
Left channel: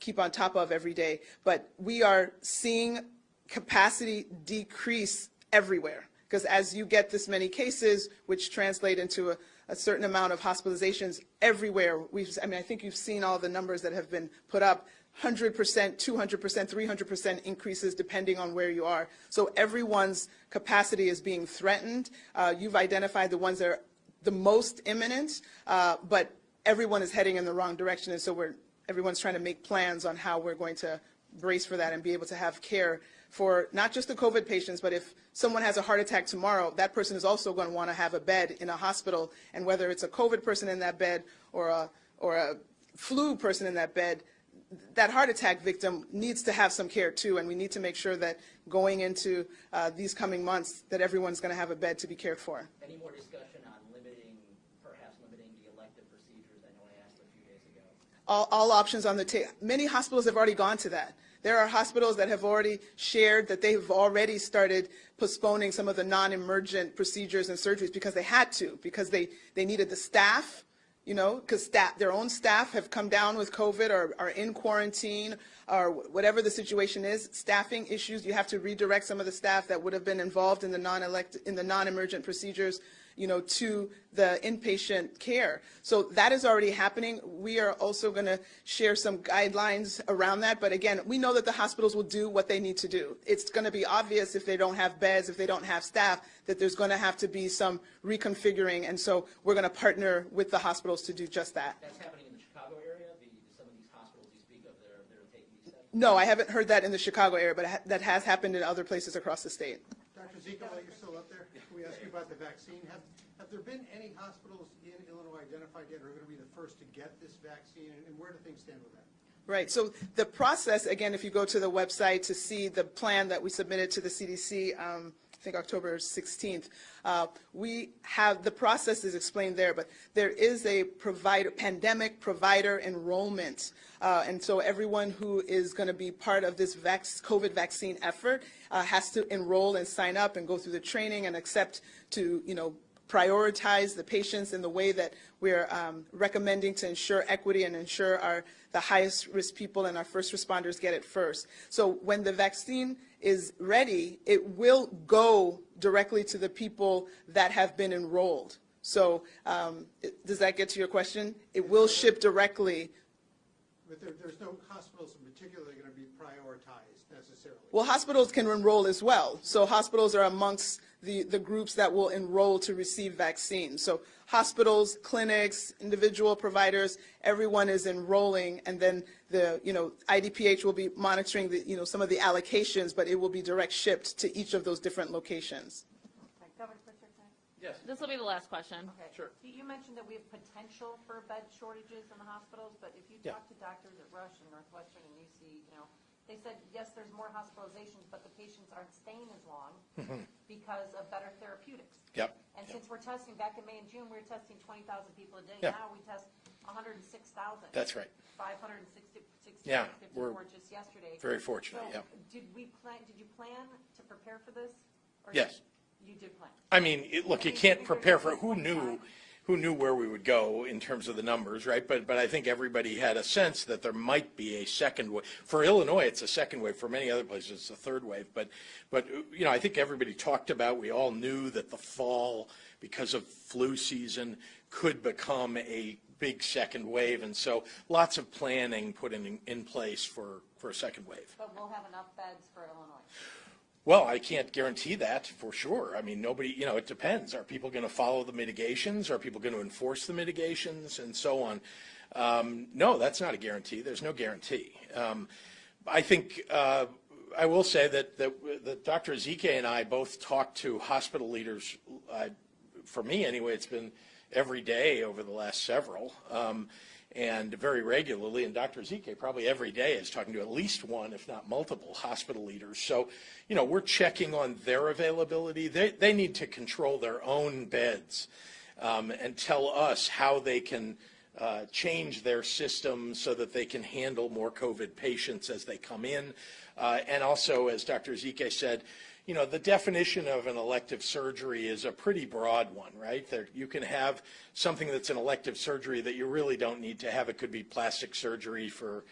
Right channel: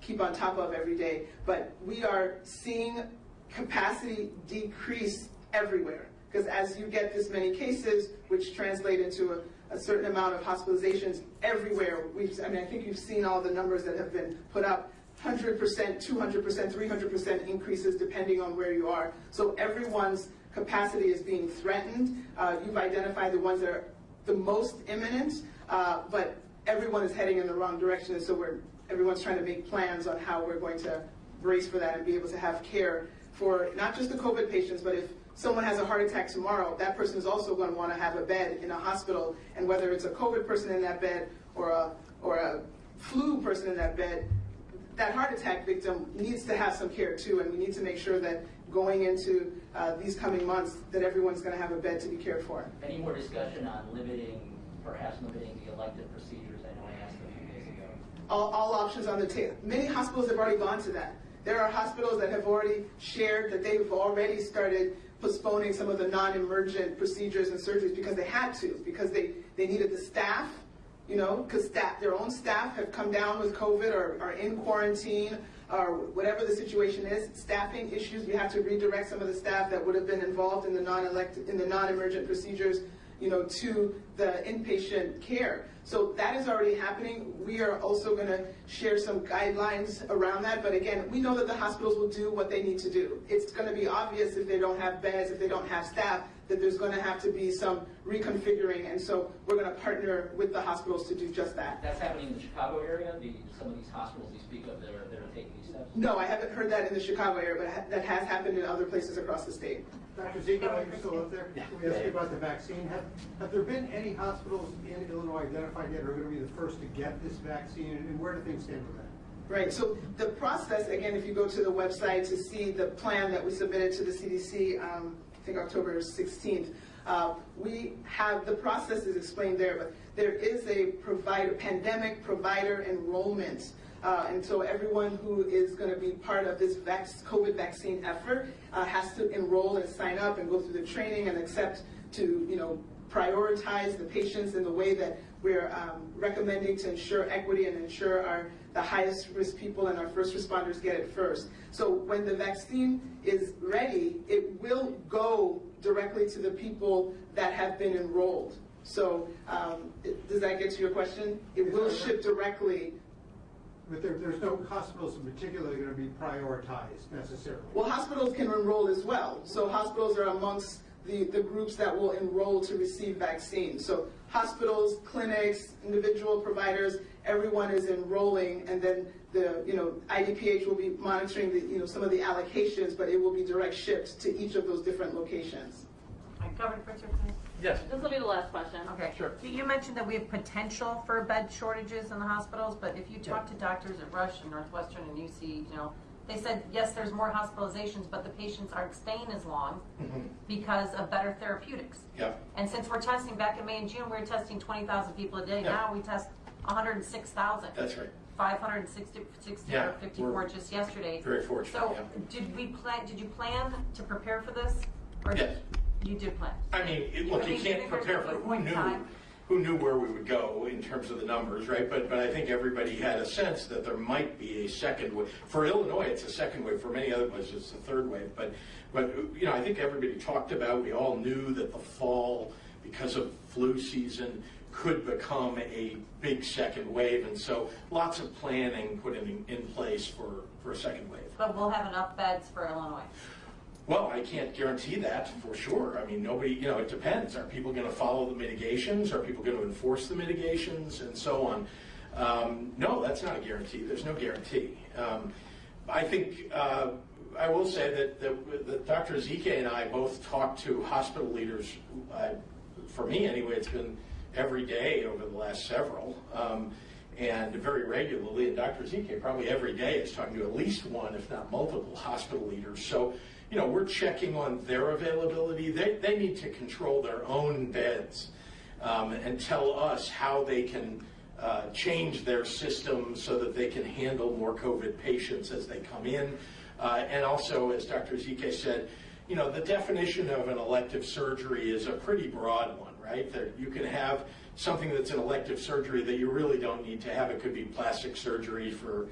keep on top of every day. But we are seeing capacity decrease everywhere. Because as you get this many cases, which translate into a certain amount of hospitalizations everywhere, I think you've seen all the numbers that have been put up, 100%, 200%, 300% increases depending on where you are. So everyone's capacity is being threatened. You've identified the ones that are the most imminent, but everyone is heading in the wrong direction, and so everyone's trying to make plans on how we're going to brace for that and be able to have care for not just the COVID patients, but if someone has a heart attack tomorrow, that person is also going to want to have a bed in a hospital, and whether it's a COVID person in that bed or a flu person in that bed, that heart attack victim needs to have some care too, and we need to make sure that going into these coming months that everyone's going to have a bed to be cared for. Any more discussion on perhaps limiting the elective procedures? I know I asked a few days ago. All options on the table. Many hospitals have already gone to that. There are hospitals that have already shared that they've already started postponing some of the non-emergent procedures and surgeries because they had to, because they needed the staff, you know, because their own staff have come down with COVID or are in quarantine or whatever the situation is. Staffing issues, you have to redirect some of the staff that would have been involved in the non-emergent procedures, you know, to the inpatient care. So that is already happening. We are also going to share some guidelines around that. But again, we know that the hospitals will do what they need to do. It's going to be obvious if they don't have beds, if they don't have staff, that there's going to have to be some reconfiguring. And so we're going to partner with the hospitals to do just that. That's happening in the Chicago area, some of these hospitals you speak of that are taking these steps? No, I haven't heard that in the Chicago area, but that has happened in other places across the state. Dr. Zika, are you still up there? We asked you about the vaccine. Have there been any hospitals in Illinois identified yet or are going to be the first to get this vaccine, and where do things stand with that? Right, so the process, again, if you go to the website to see the plan that we submitted to the CDC, I think October 16th, we have, the process is explained there, but there is a pandemic provider enrollment. And so everyone who is going to be part of this COVID vaccine effort has to enroll and sign up and go through the training and accept to, you know, prioritize the patients in the way that we're recommending to ensure equity and ensure the highest risk people and our first responders get it first. So when the vaccine is ready, it will go directly to the people that have been enrolled. So does that get to your question? It will ship directly. But there's no hospitals in particular that are going to be prioritized necessarily. Well, hospitals can enroll as well. So hospitals are amongst the groups that will enroll to receive vaccines. So hospitals, clinics, individual providers, everyone is enrolling, and then the IDPH will be monitoring some of the allocations, but it will be direct shipped to each of those different locations. Governor Pritzker, please. Yes. This will be the last question. Okay. Sure. You mentioned that we have potential for bed shortages in the hospitals, but if you talk to doctors at Rush and Northwestern and UC, they said, yes, there's more hospitalizations, but the patients aren't staying as long because of better therapeutics. Yep. And since we're testing, back in May and June, we were testing 20,000 people a day. Yeah. Now we test 106,000. That's right. 560 Yeah, or 54 just yesterday. Very fortunate, So yeah. did you plan to prepare for this? Or Yes. You did plan. I mean, look, you can't prepare for who knew where we would go in terms of the numbers, right? But I think everybody had a sense that there might be a second wave. For Illinois, it's a second wave. For many other places, it's a third wave. But I think everybody talked about. We all knew that the fall, because of flu season, could become a big second wave, and so lots of planning put in place for a second wave. But we'll have enough beds for Illinois. Well, I can't guarantee that for sure. I mean, nobody, it depends. Are people going to follow the mitigations? Are people going to enforce the mitigations and so on? No, that's not a guarantee. There's no guarantee. I think I will say that Dr. Ezike and I both talked to hospital leaders. For me, anyway, it's been every day over the last several, and very regularly. And Dr. Ezike probably every day is talking to at least one, if not multiple, hospital leaders. So, we're checking on their availability. They need to control their own beds and tell us how they can change their system so that they can handle more COVID patients as they come in. And also, as Dr. Ezike said, the definition of an elective surgery is a pretty broad one, right? You can have something that's an elective surgery that you really don't need to have. It could be plastic surgery for,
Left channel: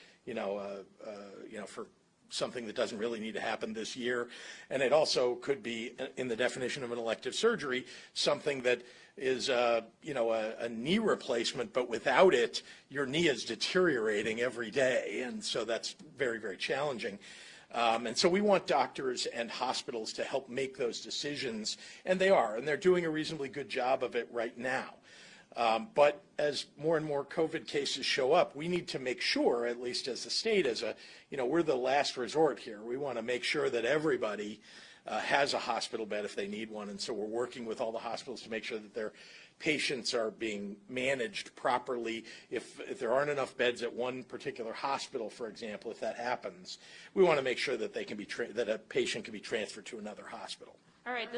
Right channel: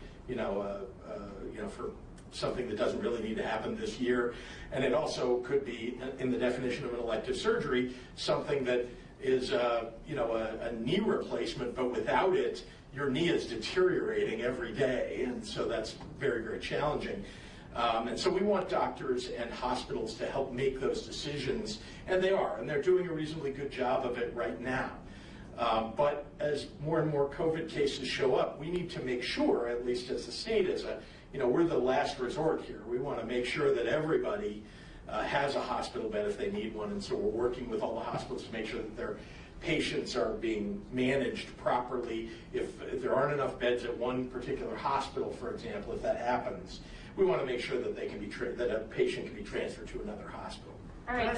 for something that doesn't really need to happen this year. And it also could be, in the definition of an elective surgery, something that is a knee replacement, but without it, your knee is deteriorating every day. And so that's very, very challenging. And so we want doctors and hospitals to help make those decisions, and they are, and they're doing a reasonably good job of it right now. But as more and more COVID cases show up, we need to make sure, at least as a state, we're the last resort here. We want to make sure that everybody has a hospital bed if they need one, and so we're working with all the hospitals to make sure that their patients are being managed properly. If there aren't enough beds at one particular hospital, for example, if that happens, we want to make sure that that a patient can be transferred to another hospital. All right,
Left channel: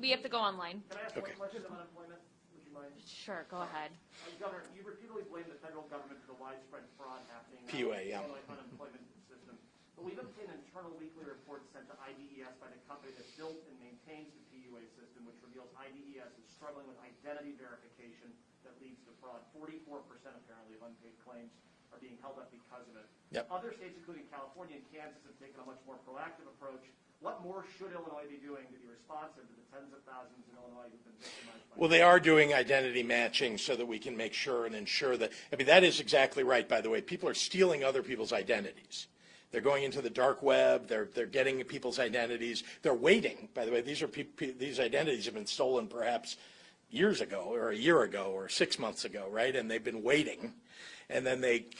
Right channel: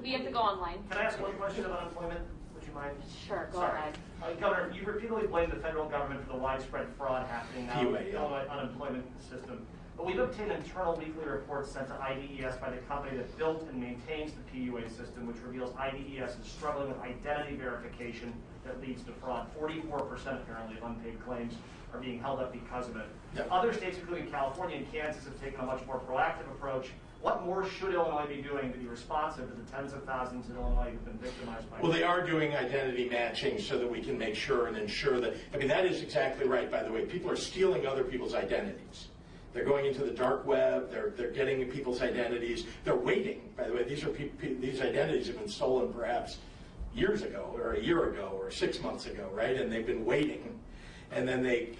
we have to go online. Can I ask one question about unemployment? Would you mind? Sure, go Sorry. ahead. Governor, you repeatedly blame the federal government for the widespread fraud happening now in the unemployment system. but we've obtained internal weekly reports sent to IDES by the company that built and maintains the PUA system, which reveals IDES is struggling with identity verification that leads to fraud. 44% apparently of unpaid claims are being held up because of it. Yep. Other states, including California and Kansas, have taken a much more proactive approach. What more should Illinois be doing to be responsive to the tens of thousands in Illinois who've been victimized by Well, they are doing identity matching so that we can make sure and ensure that, I mean, that is exactly right, by the way. People are stealing other people's identities. They're going into the dark web, they're getting people's identities. They're waiting, by the way. These identities have been stolen perhaps years ago or a year ago or 6 months ago, right? And they've been waiting. And then they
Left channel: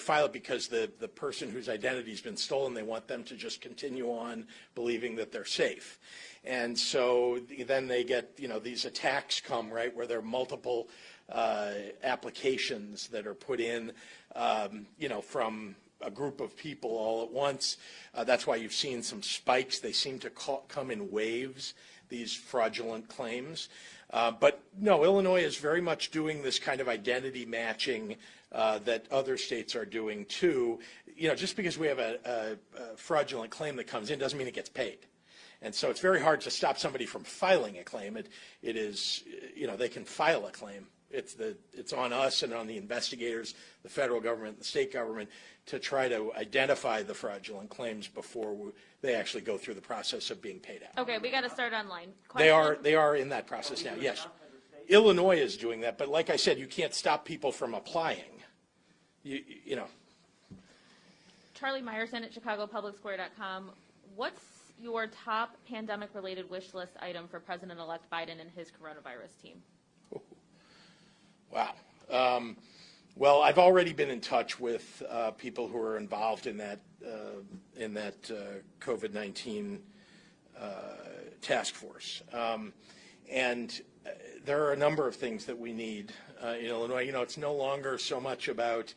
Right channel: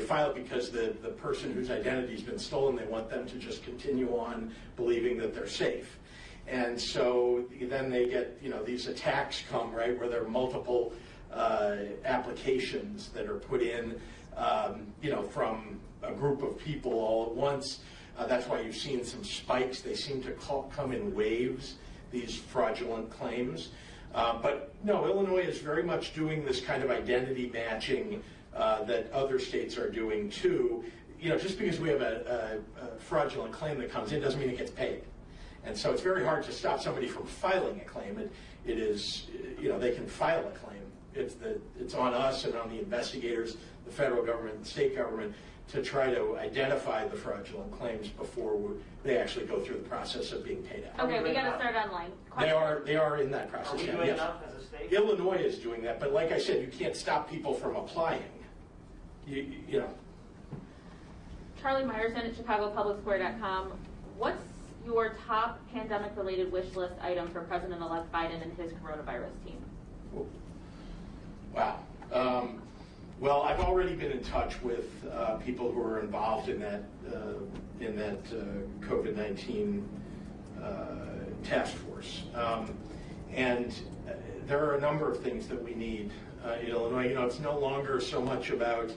file it because the person whose identity's been stolen, they want them to just continue on believing that they're safe. And so then they get, these attacks come, right, where there are multiple applications that are put in, from a group of people all at once. That's why you've seen some spikes. They seem to come in waves, these fraudulent claims. But no, Illinois is very much doing this kind of identity matching that other states are doing too. Just because we have a fraudulent claim that comes in doesn't mean it gets paid. And so it's very hard to stop somebody from filing a claim. It is, they can file a claim. It's on us and on the investigators, the federal government, the state government, to try to identify the fraudulent claims before they actually go through the process of being paid out. Okay, we got to start online. They are in that process now, yes. Illinois is doing that, but like I said, you can't stop people from applying. Charlie Meyerson at ChicagoPublicSquare.com. What's your top pandemic-related wish list item for President-elect Biden and his coronavirus team? Wow. Well, I've already been in touch with people who are involved in that COVID-19 task force, and there are a number of things that we need in Illinois. It's no longer so much about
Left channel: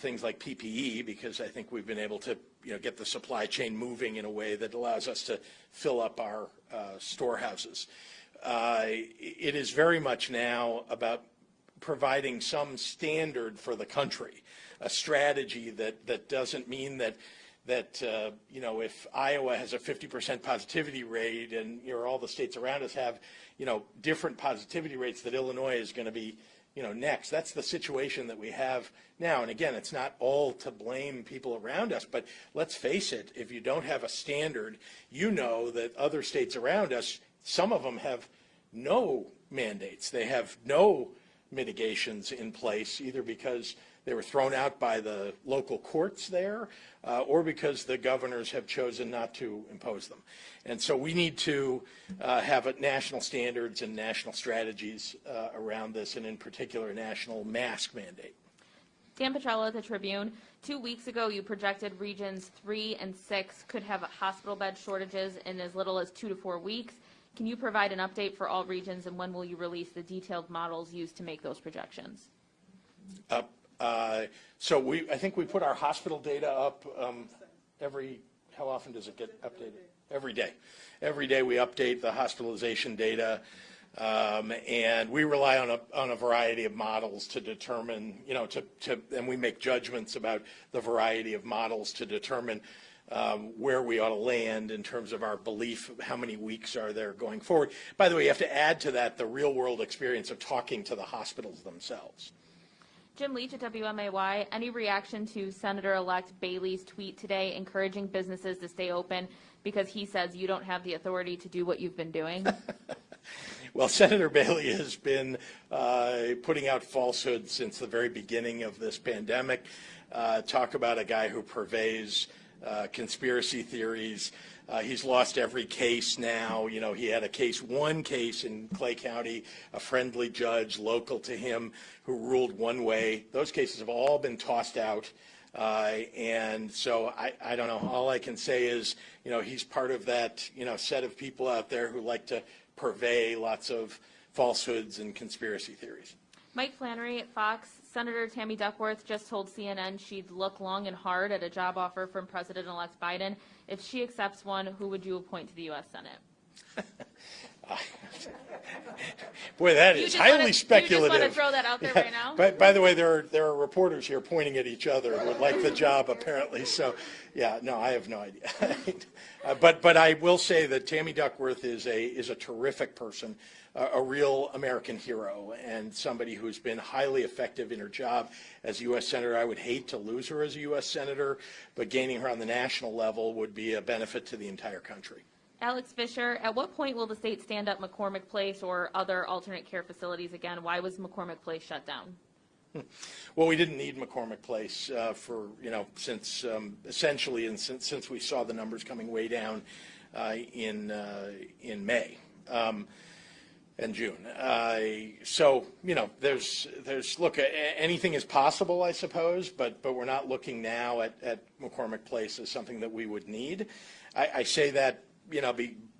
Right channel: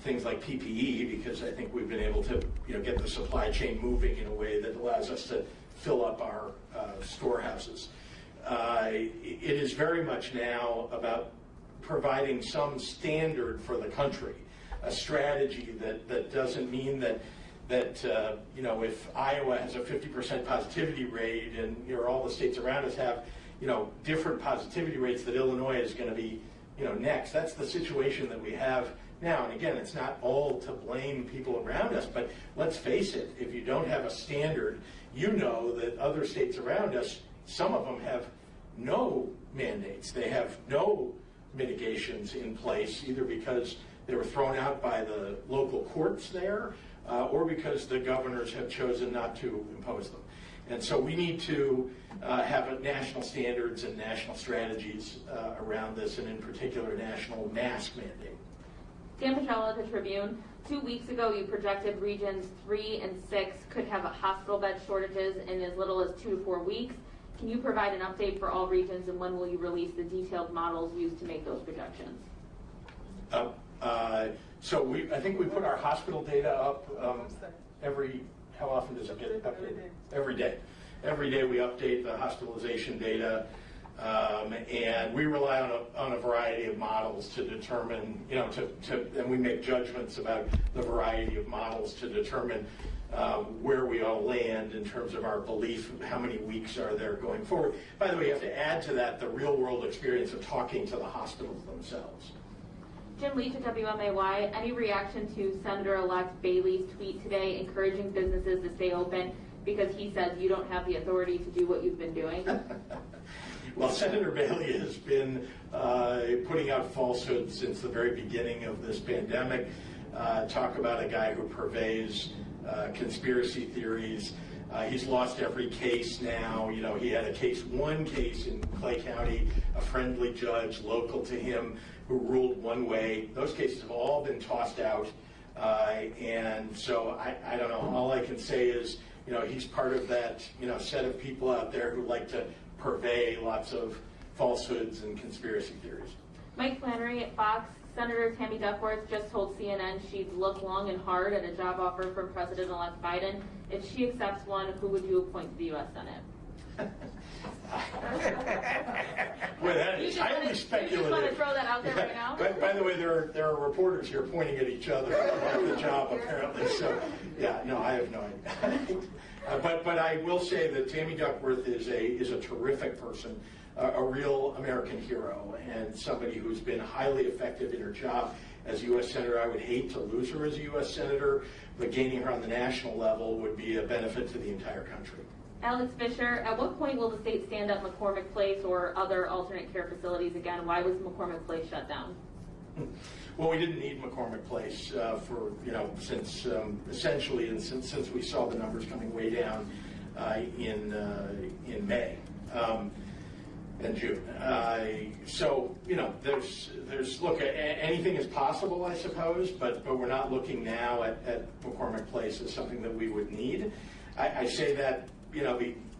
things like PPE, because I think we've been able to get the supply chain moving in a way that allows us to fill up our storehouses. It is very much now about providing some standard for the country, a strategy that doesn't mean that if Iowa has a 50% positivity rate and all the states around us have different positivity rates, that Illinois is going to be next. That's the situation that we have now. And again, it's not all to blame people around us, but let's face it, if you don't have a standard, that other states around us, some of them have no mandates. They have no mitigations in place, either because they were thrown out by the local courts there, or because the governors have chosen not to impose them. And so we need to have national standards and national strategies around this, and in particular, national mask mandate. Dan Petrella at the Tribune. 2 weeks ago, you projected regions 3 and 6 could have hospital bed shortages in as little as 2 to 4 weeks. Can you provide an update for all regions, and when will you release the detailed models used to make those projections? So I think we put our hospital data up how often does it get updated? Every day. Every day we update the hospitalization data, and we rely on a variety of models to determine, and we make judgments about the variety of models to determine where we ought to land in terms of our belief of how many weeks are there going forward. By the way, you have to add to that the real-world experience of talking to the hospitals themselves. Jim Leach at WMAY. Any reaction to Senator-elect Bailey's tweet today encouraging businesses to stay open because he says you don't have the authority to do what you've been doing? Well, Senator Bailey has been putting out falsehoods since the very beginning of this pandemic. Talk about a guy who purveys conspiracy theories. He's lost every case now. He had one case in Clay County, a friendly judge local to him who ruled one way. Those cases have all been tossed out. And so I don't know. All I can say is, he's part of that, set of people out there who like to purvey lots of falsehoods and conspiracy theories. Mike Flannery at Fox. Senator Tammy Duckworth just told CNN she'd look long and hard at a job offer from President-elect Biden. If she accepts one, who would you appoint to the U.S. Senate? Boy, that You is just highly wanna- speculative. You just want to throw that out there right now? By the way, there are reporters here pointing at each other that like the job apparently. So, yeah, no, I have no idea. But I will say that Tammy Duckworth is a terrific person, a real American hero, and somebody who's been highly effective in her job as U.S. Senator. I would hate to lose her as a U.S. Senator, but gaining her on the national level would be a benefit to the entire country. Alex Fisher, at what point will the state stand up McCormick Place or other alternate care facilities again? Why was McCormick Place shut down? Well, we didn't need McCormick Place for, since essentially, and since we saw the numbers coming way down in May and June. So, there's look, anything is possible, I suppose, but we're not looking now at McCormick Place as something that we would need. I say that,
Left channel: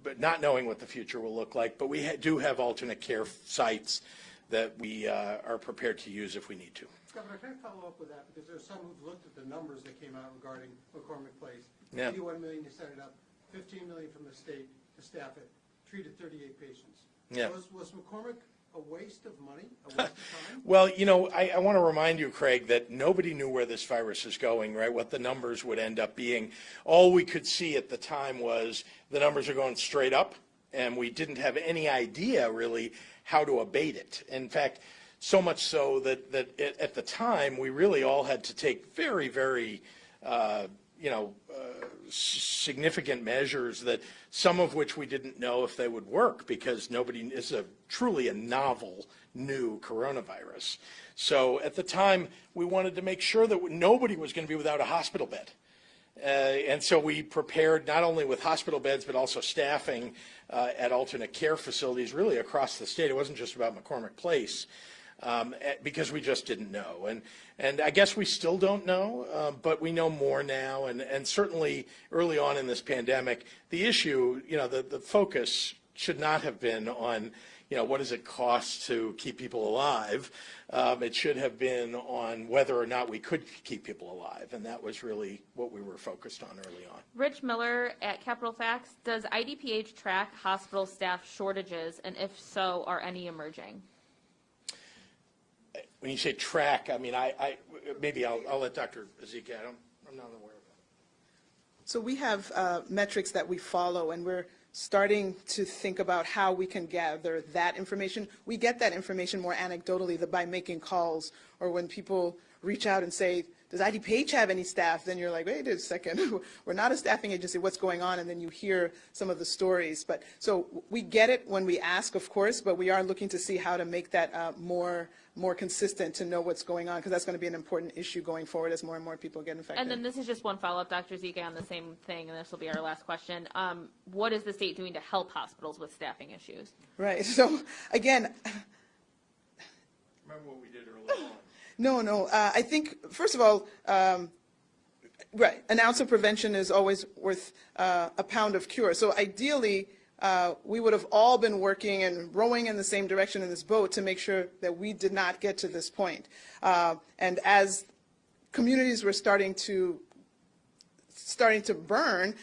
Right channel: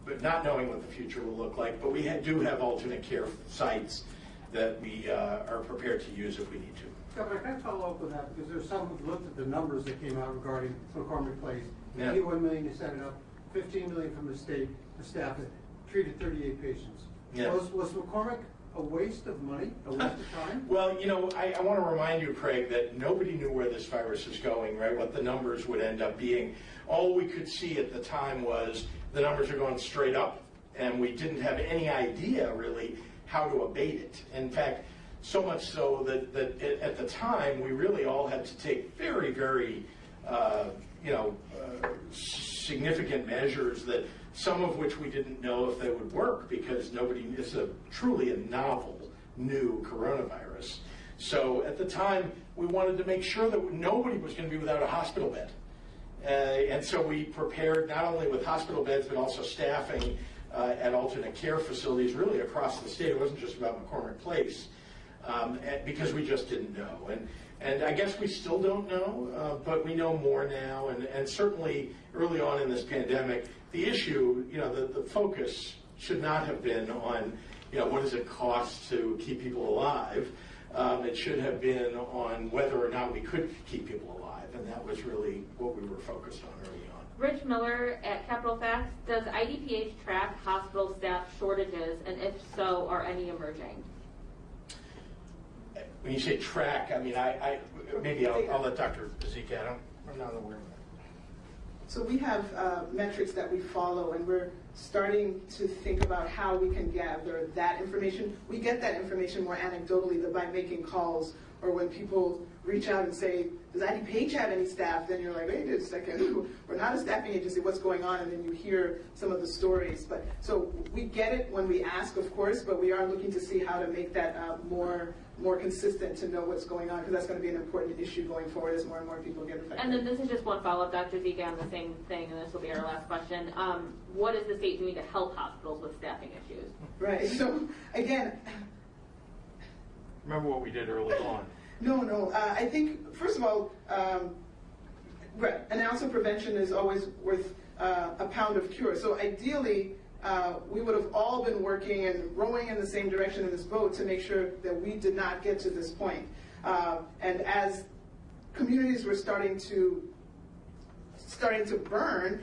but not knowing what the future will look like, but we do have alternate care sites that we are prepared to use if we need to. Governor, can I follow up with that? Because there's some who've looked at the numbers that came out regarding McCormick Place. Yeah. 81 million you set it up, 15 million from the state to staff it, treated 38 patients. Yeah. Was McCormick a waste of money, a waste of time? Well, I want to remind you, Craig, that nobody knew where this virus is going, right? What the numbers would end up being. All we could see at the time was the numbers are going straight up, and we didn't have any idea, really, how to abate it. In fact, so much so that at the time, we really all had to take very, very, significant measures, that some of which we didn't know if they would work, because it's truly a novel, new coronavirus. So at the time, we wanted to make sure that nobody was going to be without a hospital bed. And so we prepared not only with hospital beds, but also staffing at alternate care facilities really across the state. It wasn't just about McCormick Place, because we just didn't know. And I guess we still don't know, but we know more now. And certainly early on in this pandemic, the issue, the focus should not have been on, what does it cost to keep people alive? It should have been on whether or not we could keep people alive. And that was really what we were focused on early on. Rich Miller at Capital Facts, does IDPH track hospital staff shortages, and if so, are any emerging? When you say track, I mean, maybe I'll let Dr. Zeke add on. I'm not aware of that. So we have metrics that we follow, and we're starting to think about how we can gather that information. We get that information more anecdotally by making calls, or when people reach out and say, does IDPH have any staff? Then you're like, wait a second, we're not a staffing agency, what's going on? And then you hear some of the stories. But so we get it when we ask, of course, but we are looking to see how to make that more consistent, to know what's going on, because that's going to be an important issue going forward as more and more people get infected. And then this is just one follow-up, Dr. Zeke, on the same thing, and this will be our last question. What is the state doing to help hospitals with staffing issues? Right, so again, Remember what we did early on. No. I think, first of all, right, an ounce of prevention is always worth a pound of cure. So ideally, we would have all been working and rowing in the same direction in this boat to make sure that we did not get to this point. And as communities were starting to burn,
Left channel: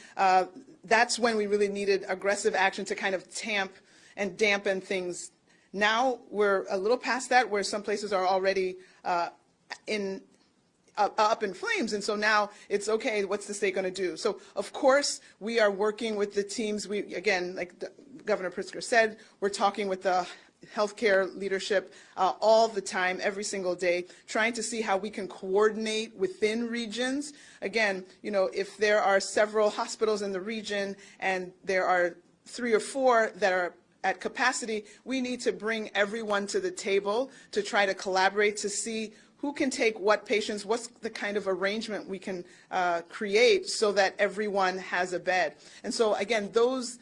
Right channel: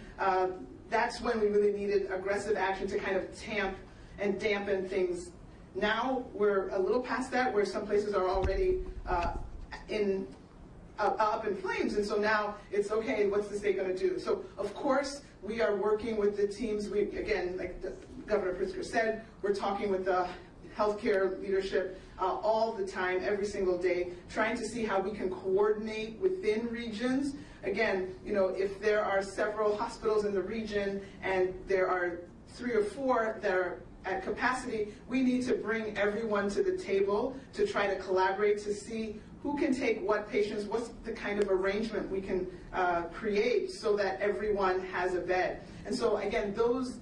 that's when we really needed aggressive action to kind of tamp and dampen things. Now we're a little past that, where some places are already up in flames, and so now it's okay, what's the state going to do? So of course we are working with the teams. We, again, like Governor Pritzker said, we're talking with the healthcare leadership all the time, every single day, trying to see how we can coordinate within regions. Again, if there are several hospitals in the region and there are 3 or 4 that are at capacity, we need to bring everyone to the table to try to collaborate to see who can take what patients, what's the kind of arrangement we can create so that everyone has a bed. And so again, those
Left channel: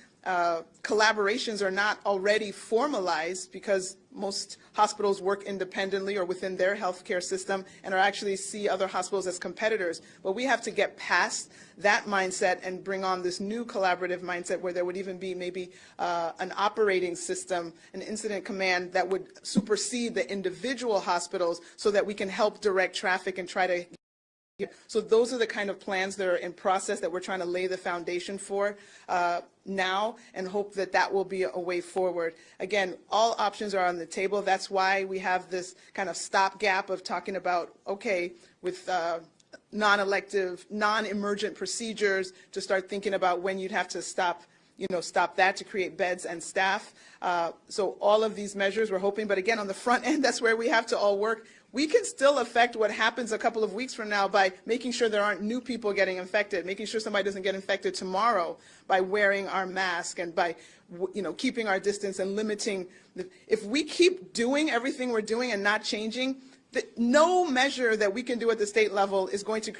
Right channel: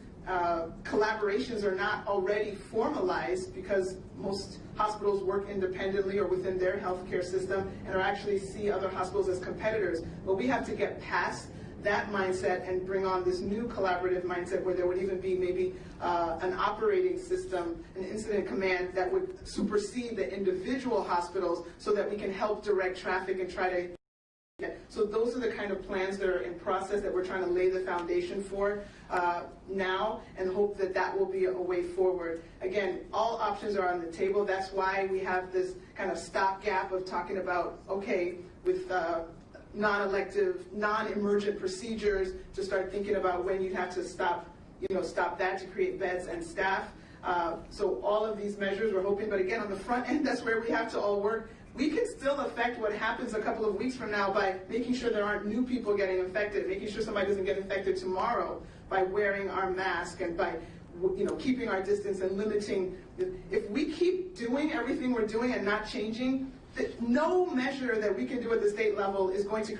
collaborations are not already formalized, because most hospitals work independently or within their healthcare system and are actually see other hospitals as competitors. But we have to get past that mindset and bring on this new collaborative mindset, where there would even be maybe an operating system, an incident command that would supersede the individual hospitals, so that we can help direct traffic and try to Yeah, so those are the kind of plans that are in process that we're trying to lay the foundation for now, and hope that that will be a way forward. Again, all options are on the table. That's why we have this kind of stopgap of talking about, okay, with non-elective, non-emergent procedures, to start thinking about when you'd have to stop that to create beds and staff. So all of these measures we're hoping, but again, on the front end, that's where we have to all work. We can still affect what happens a couple of weeks from now by making sure there aren't new people getting infected, making sure somebody doesn't get infected tomorrow by wearing our mask and by keeping our distance and limiting. If we keep doing everything we're doing and not changing, no measure that we can do at the state level is going to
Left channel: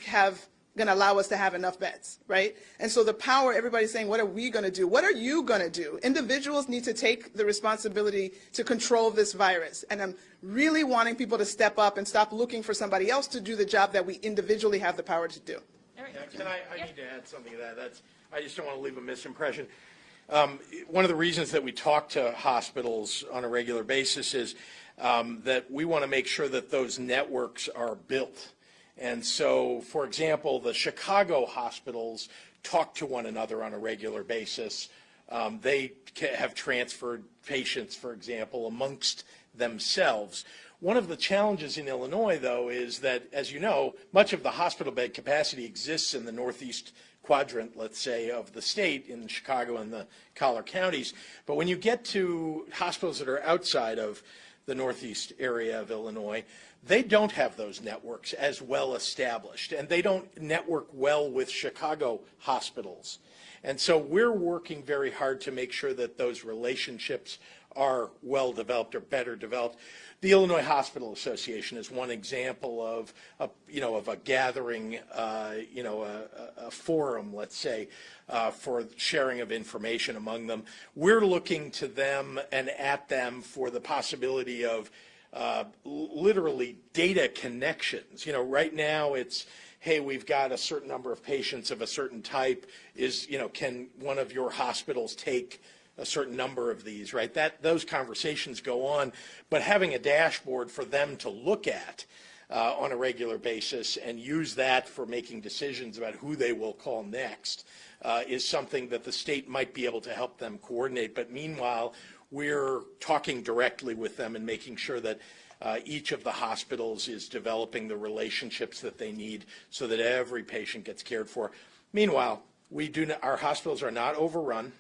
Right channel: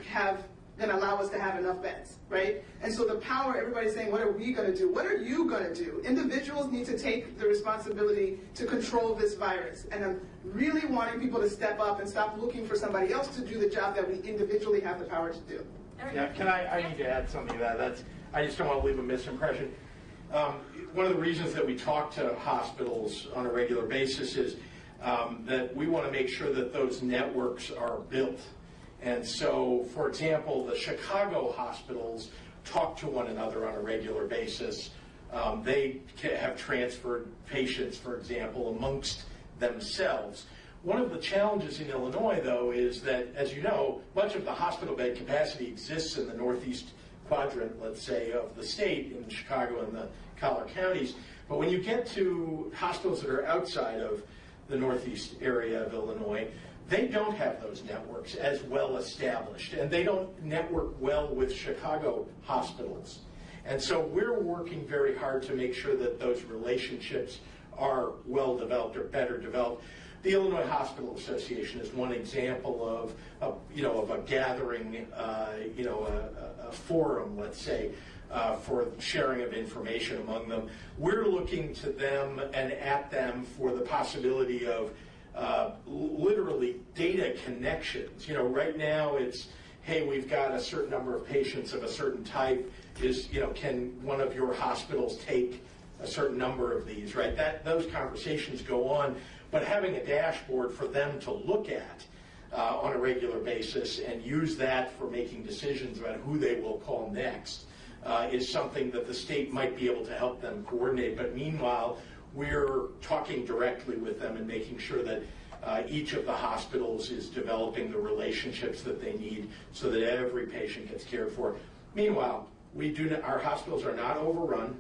allow us to have enough beds, right? And so the power, everybody's saying, what are we going to do? What are you going to do? Individuals need to take the responsibility to control this virus. And I'm really wanting people to step up and stop looking for somebody else to do the job that we individually have the power to do. Yeah, I need to add something to that. I just don't want to leave a misimpression. One of the reasons that we talk to hospitals on a regular basis is that we want to make sure that those networks are built. And so, for example, the Chicago hospitals talk to one another on a regular basis. They have transferred patients, for example, amongst themselves. One of the challenges in Illinois, though, is that, as you know, much of the hospital bed capacity exists in the northeast quadrant, let's say, of the state, in Chicago and the collar counties. But when you get to hospitals that are outside of the northeast area of Illinois, they don't have those networks as well established, and they don't network well with Chicago hospitals. And so we're working very hard to make sure that those relationships are well developed or better developed. The Illinois Hospital Association is one example of a gathering, a forum, let's say, for sharing of information among them. We're looking to them and at them for the possibility of literally data connections. Right now it's, hey, we've got a certain number of patients of a certain type. Can one of your hospitals take a certain number of these, right? Those conversations go on, but having a dashboard for them to look at on a regular basis and use that for making decisions about who they will call next is something that the state might be able to help them coordinate. But meanwhile, we're talking directly with them and making sure that each of the hospitals is developing the relationships that they need so that every patient gets cared for. Meanwhile, our hospitals are not overrun.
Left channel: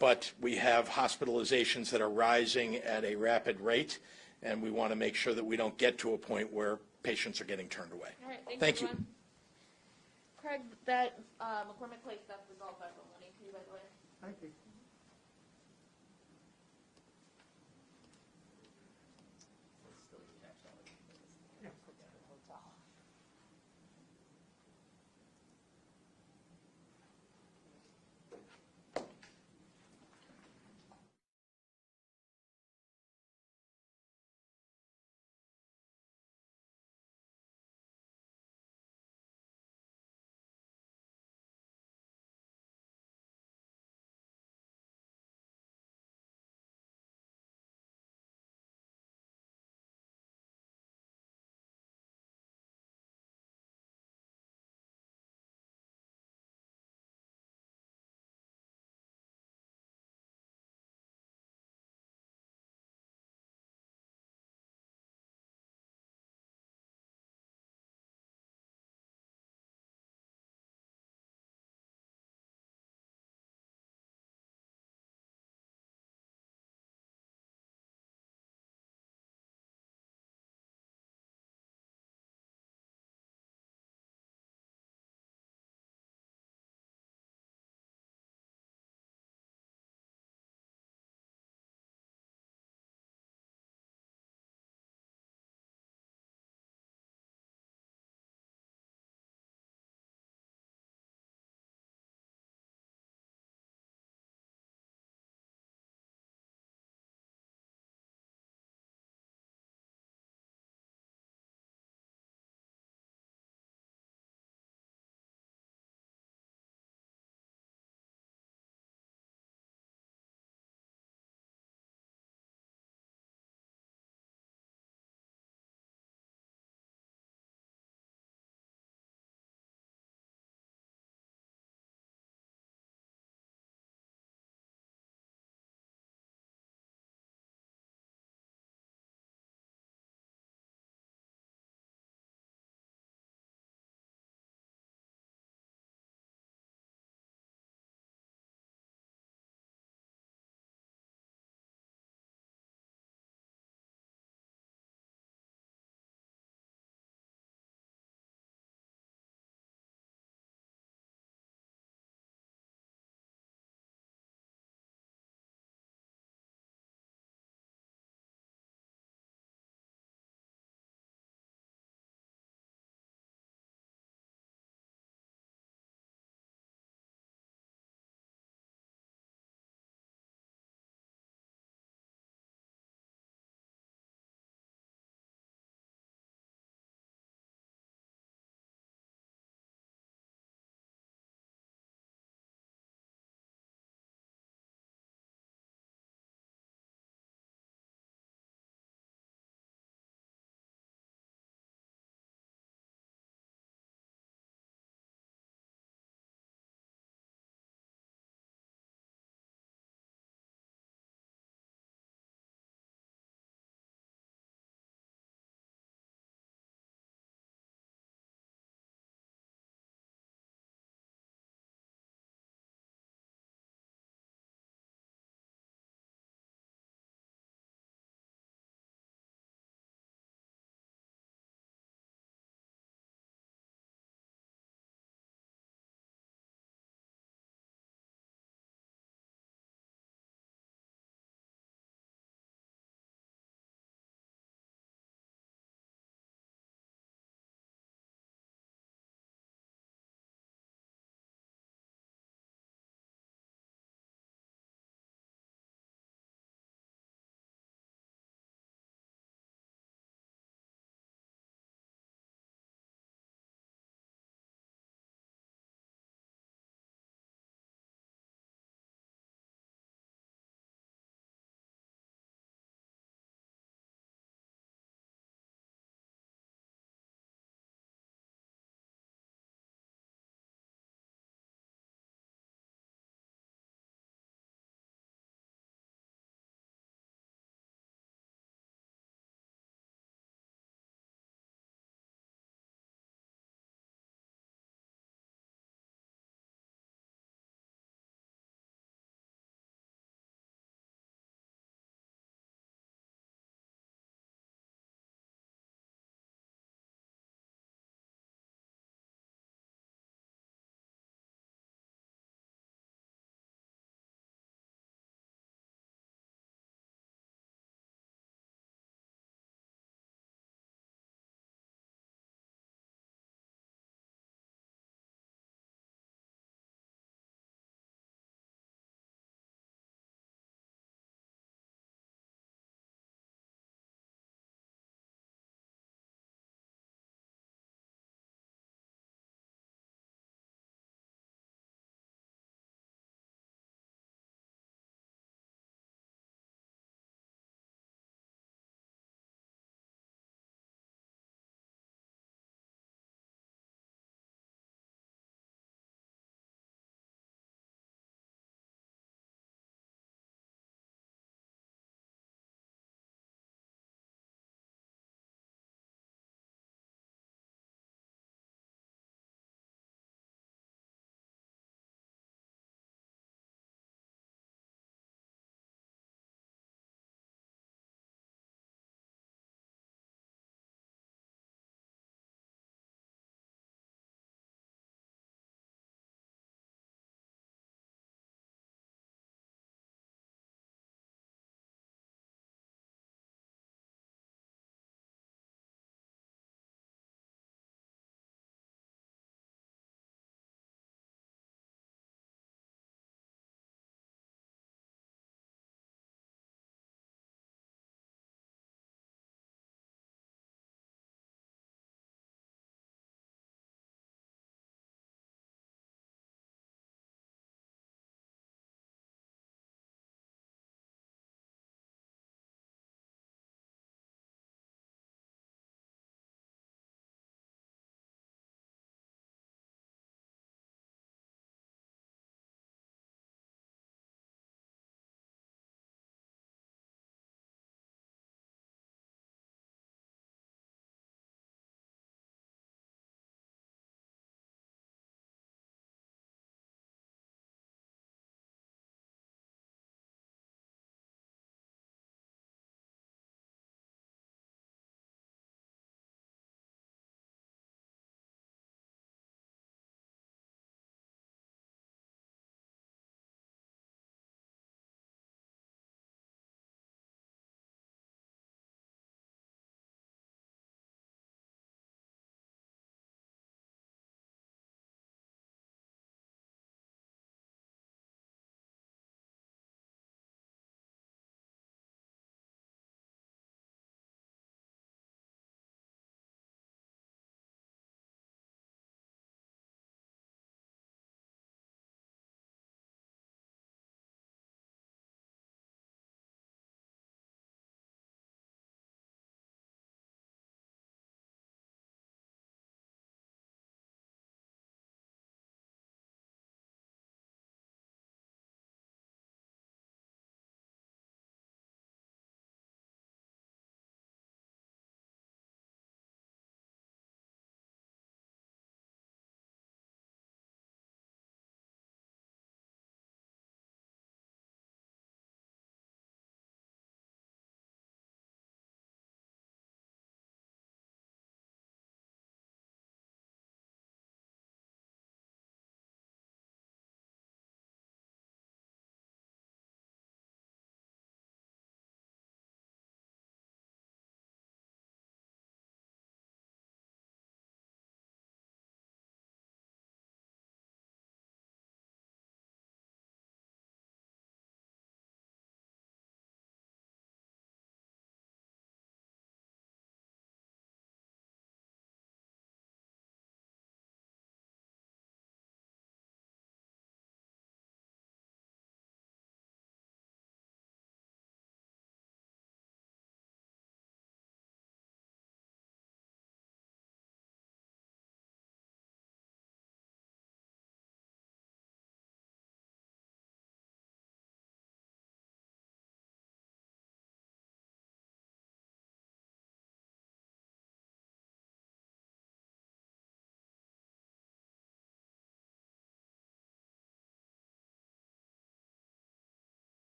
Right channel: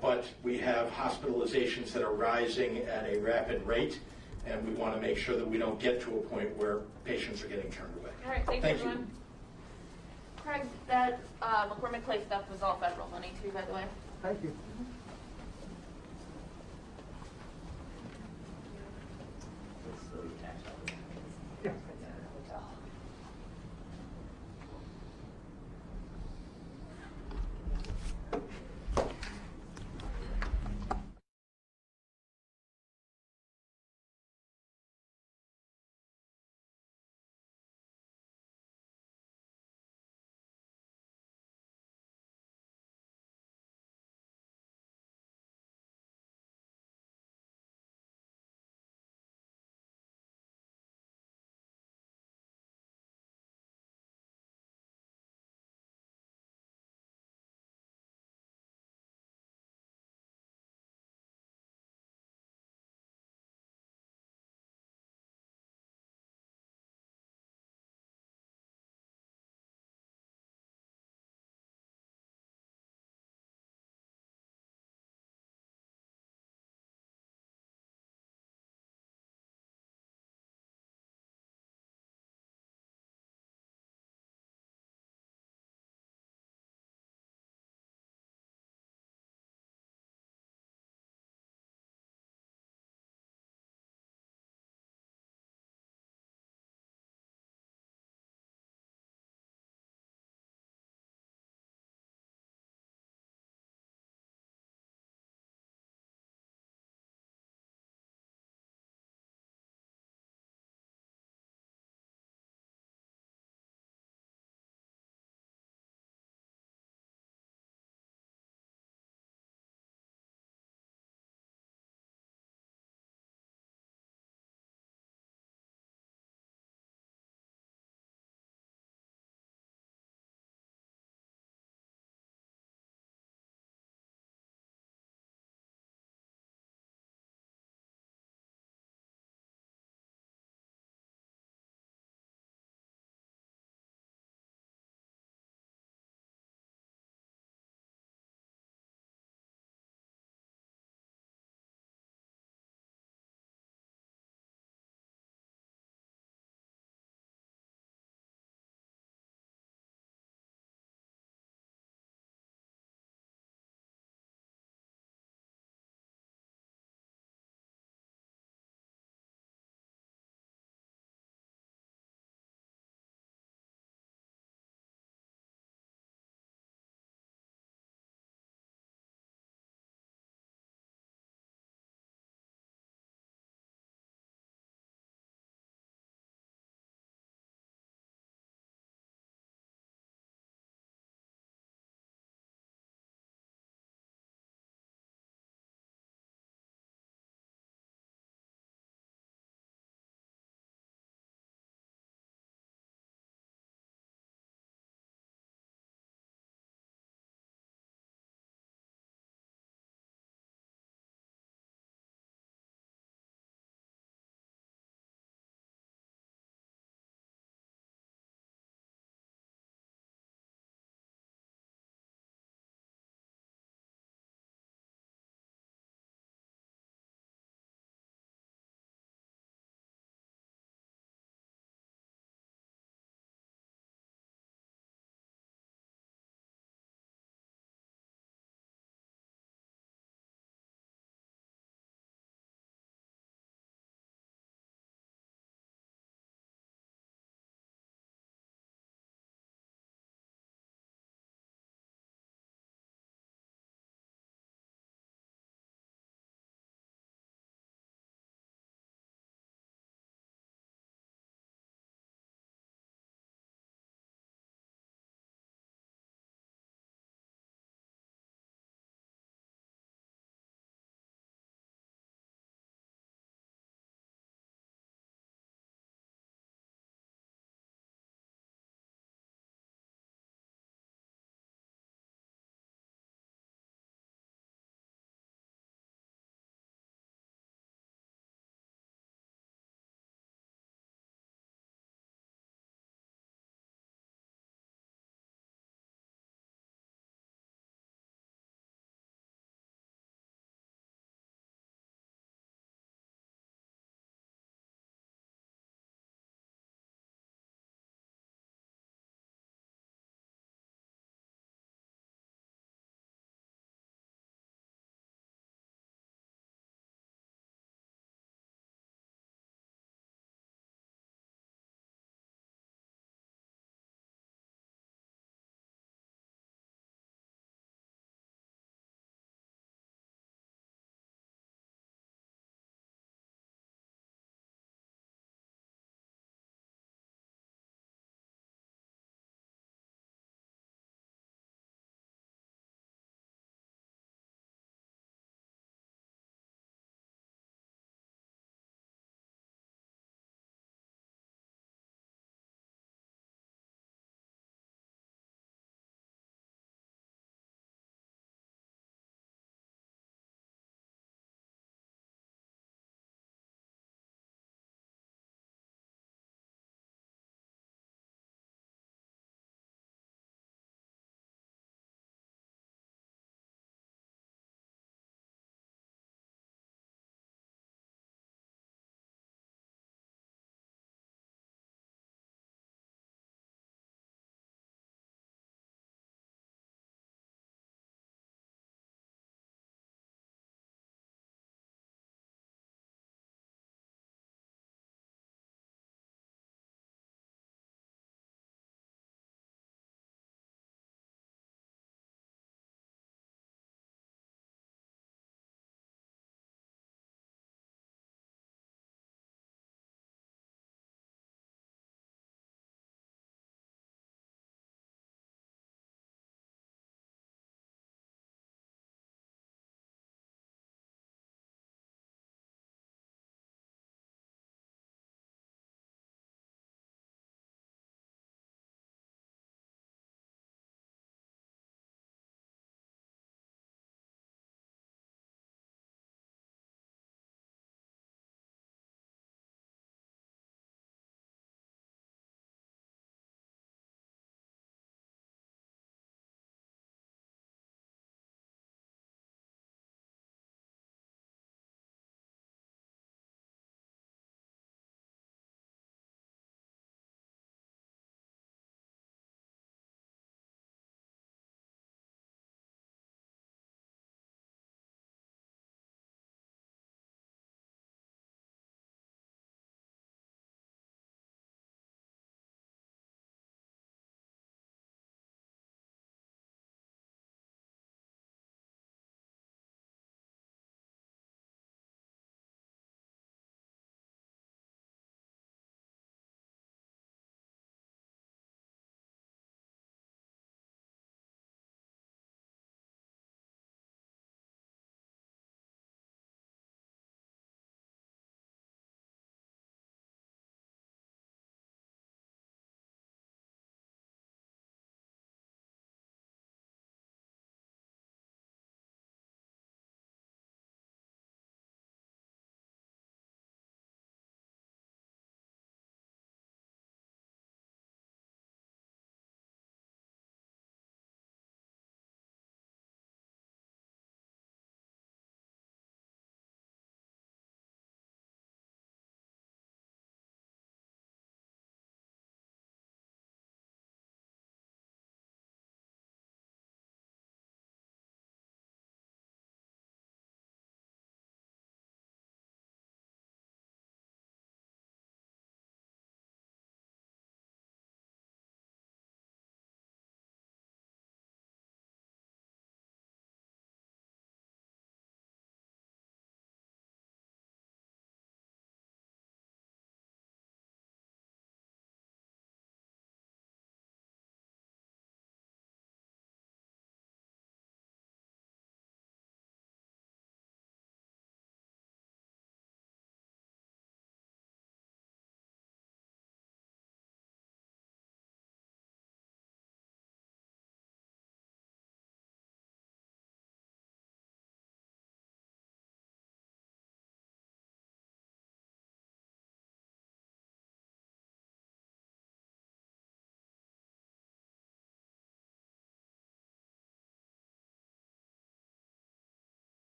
But we have hospitalizations that are rising at a rapid rate, and we want to make sure that we don't get to a point where patients are getting turned away. All right, thanks, Thank everyone. Craig, that McCormick Place stuff was all federal money too, by the way. Thank you.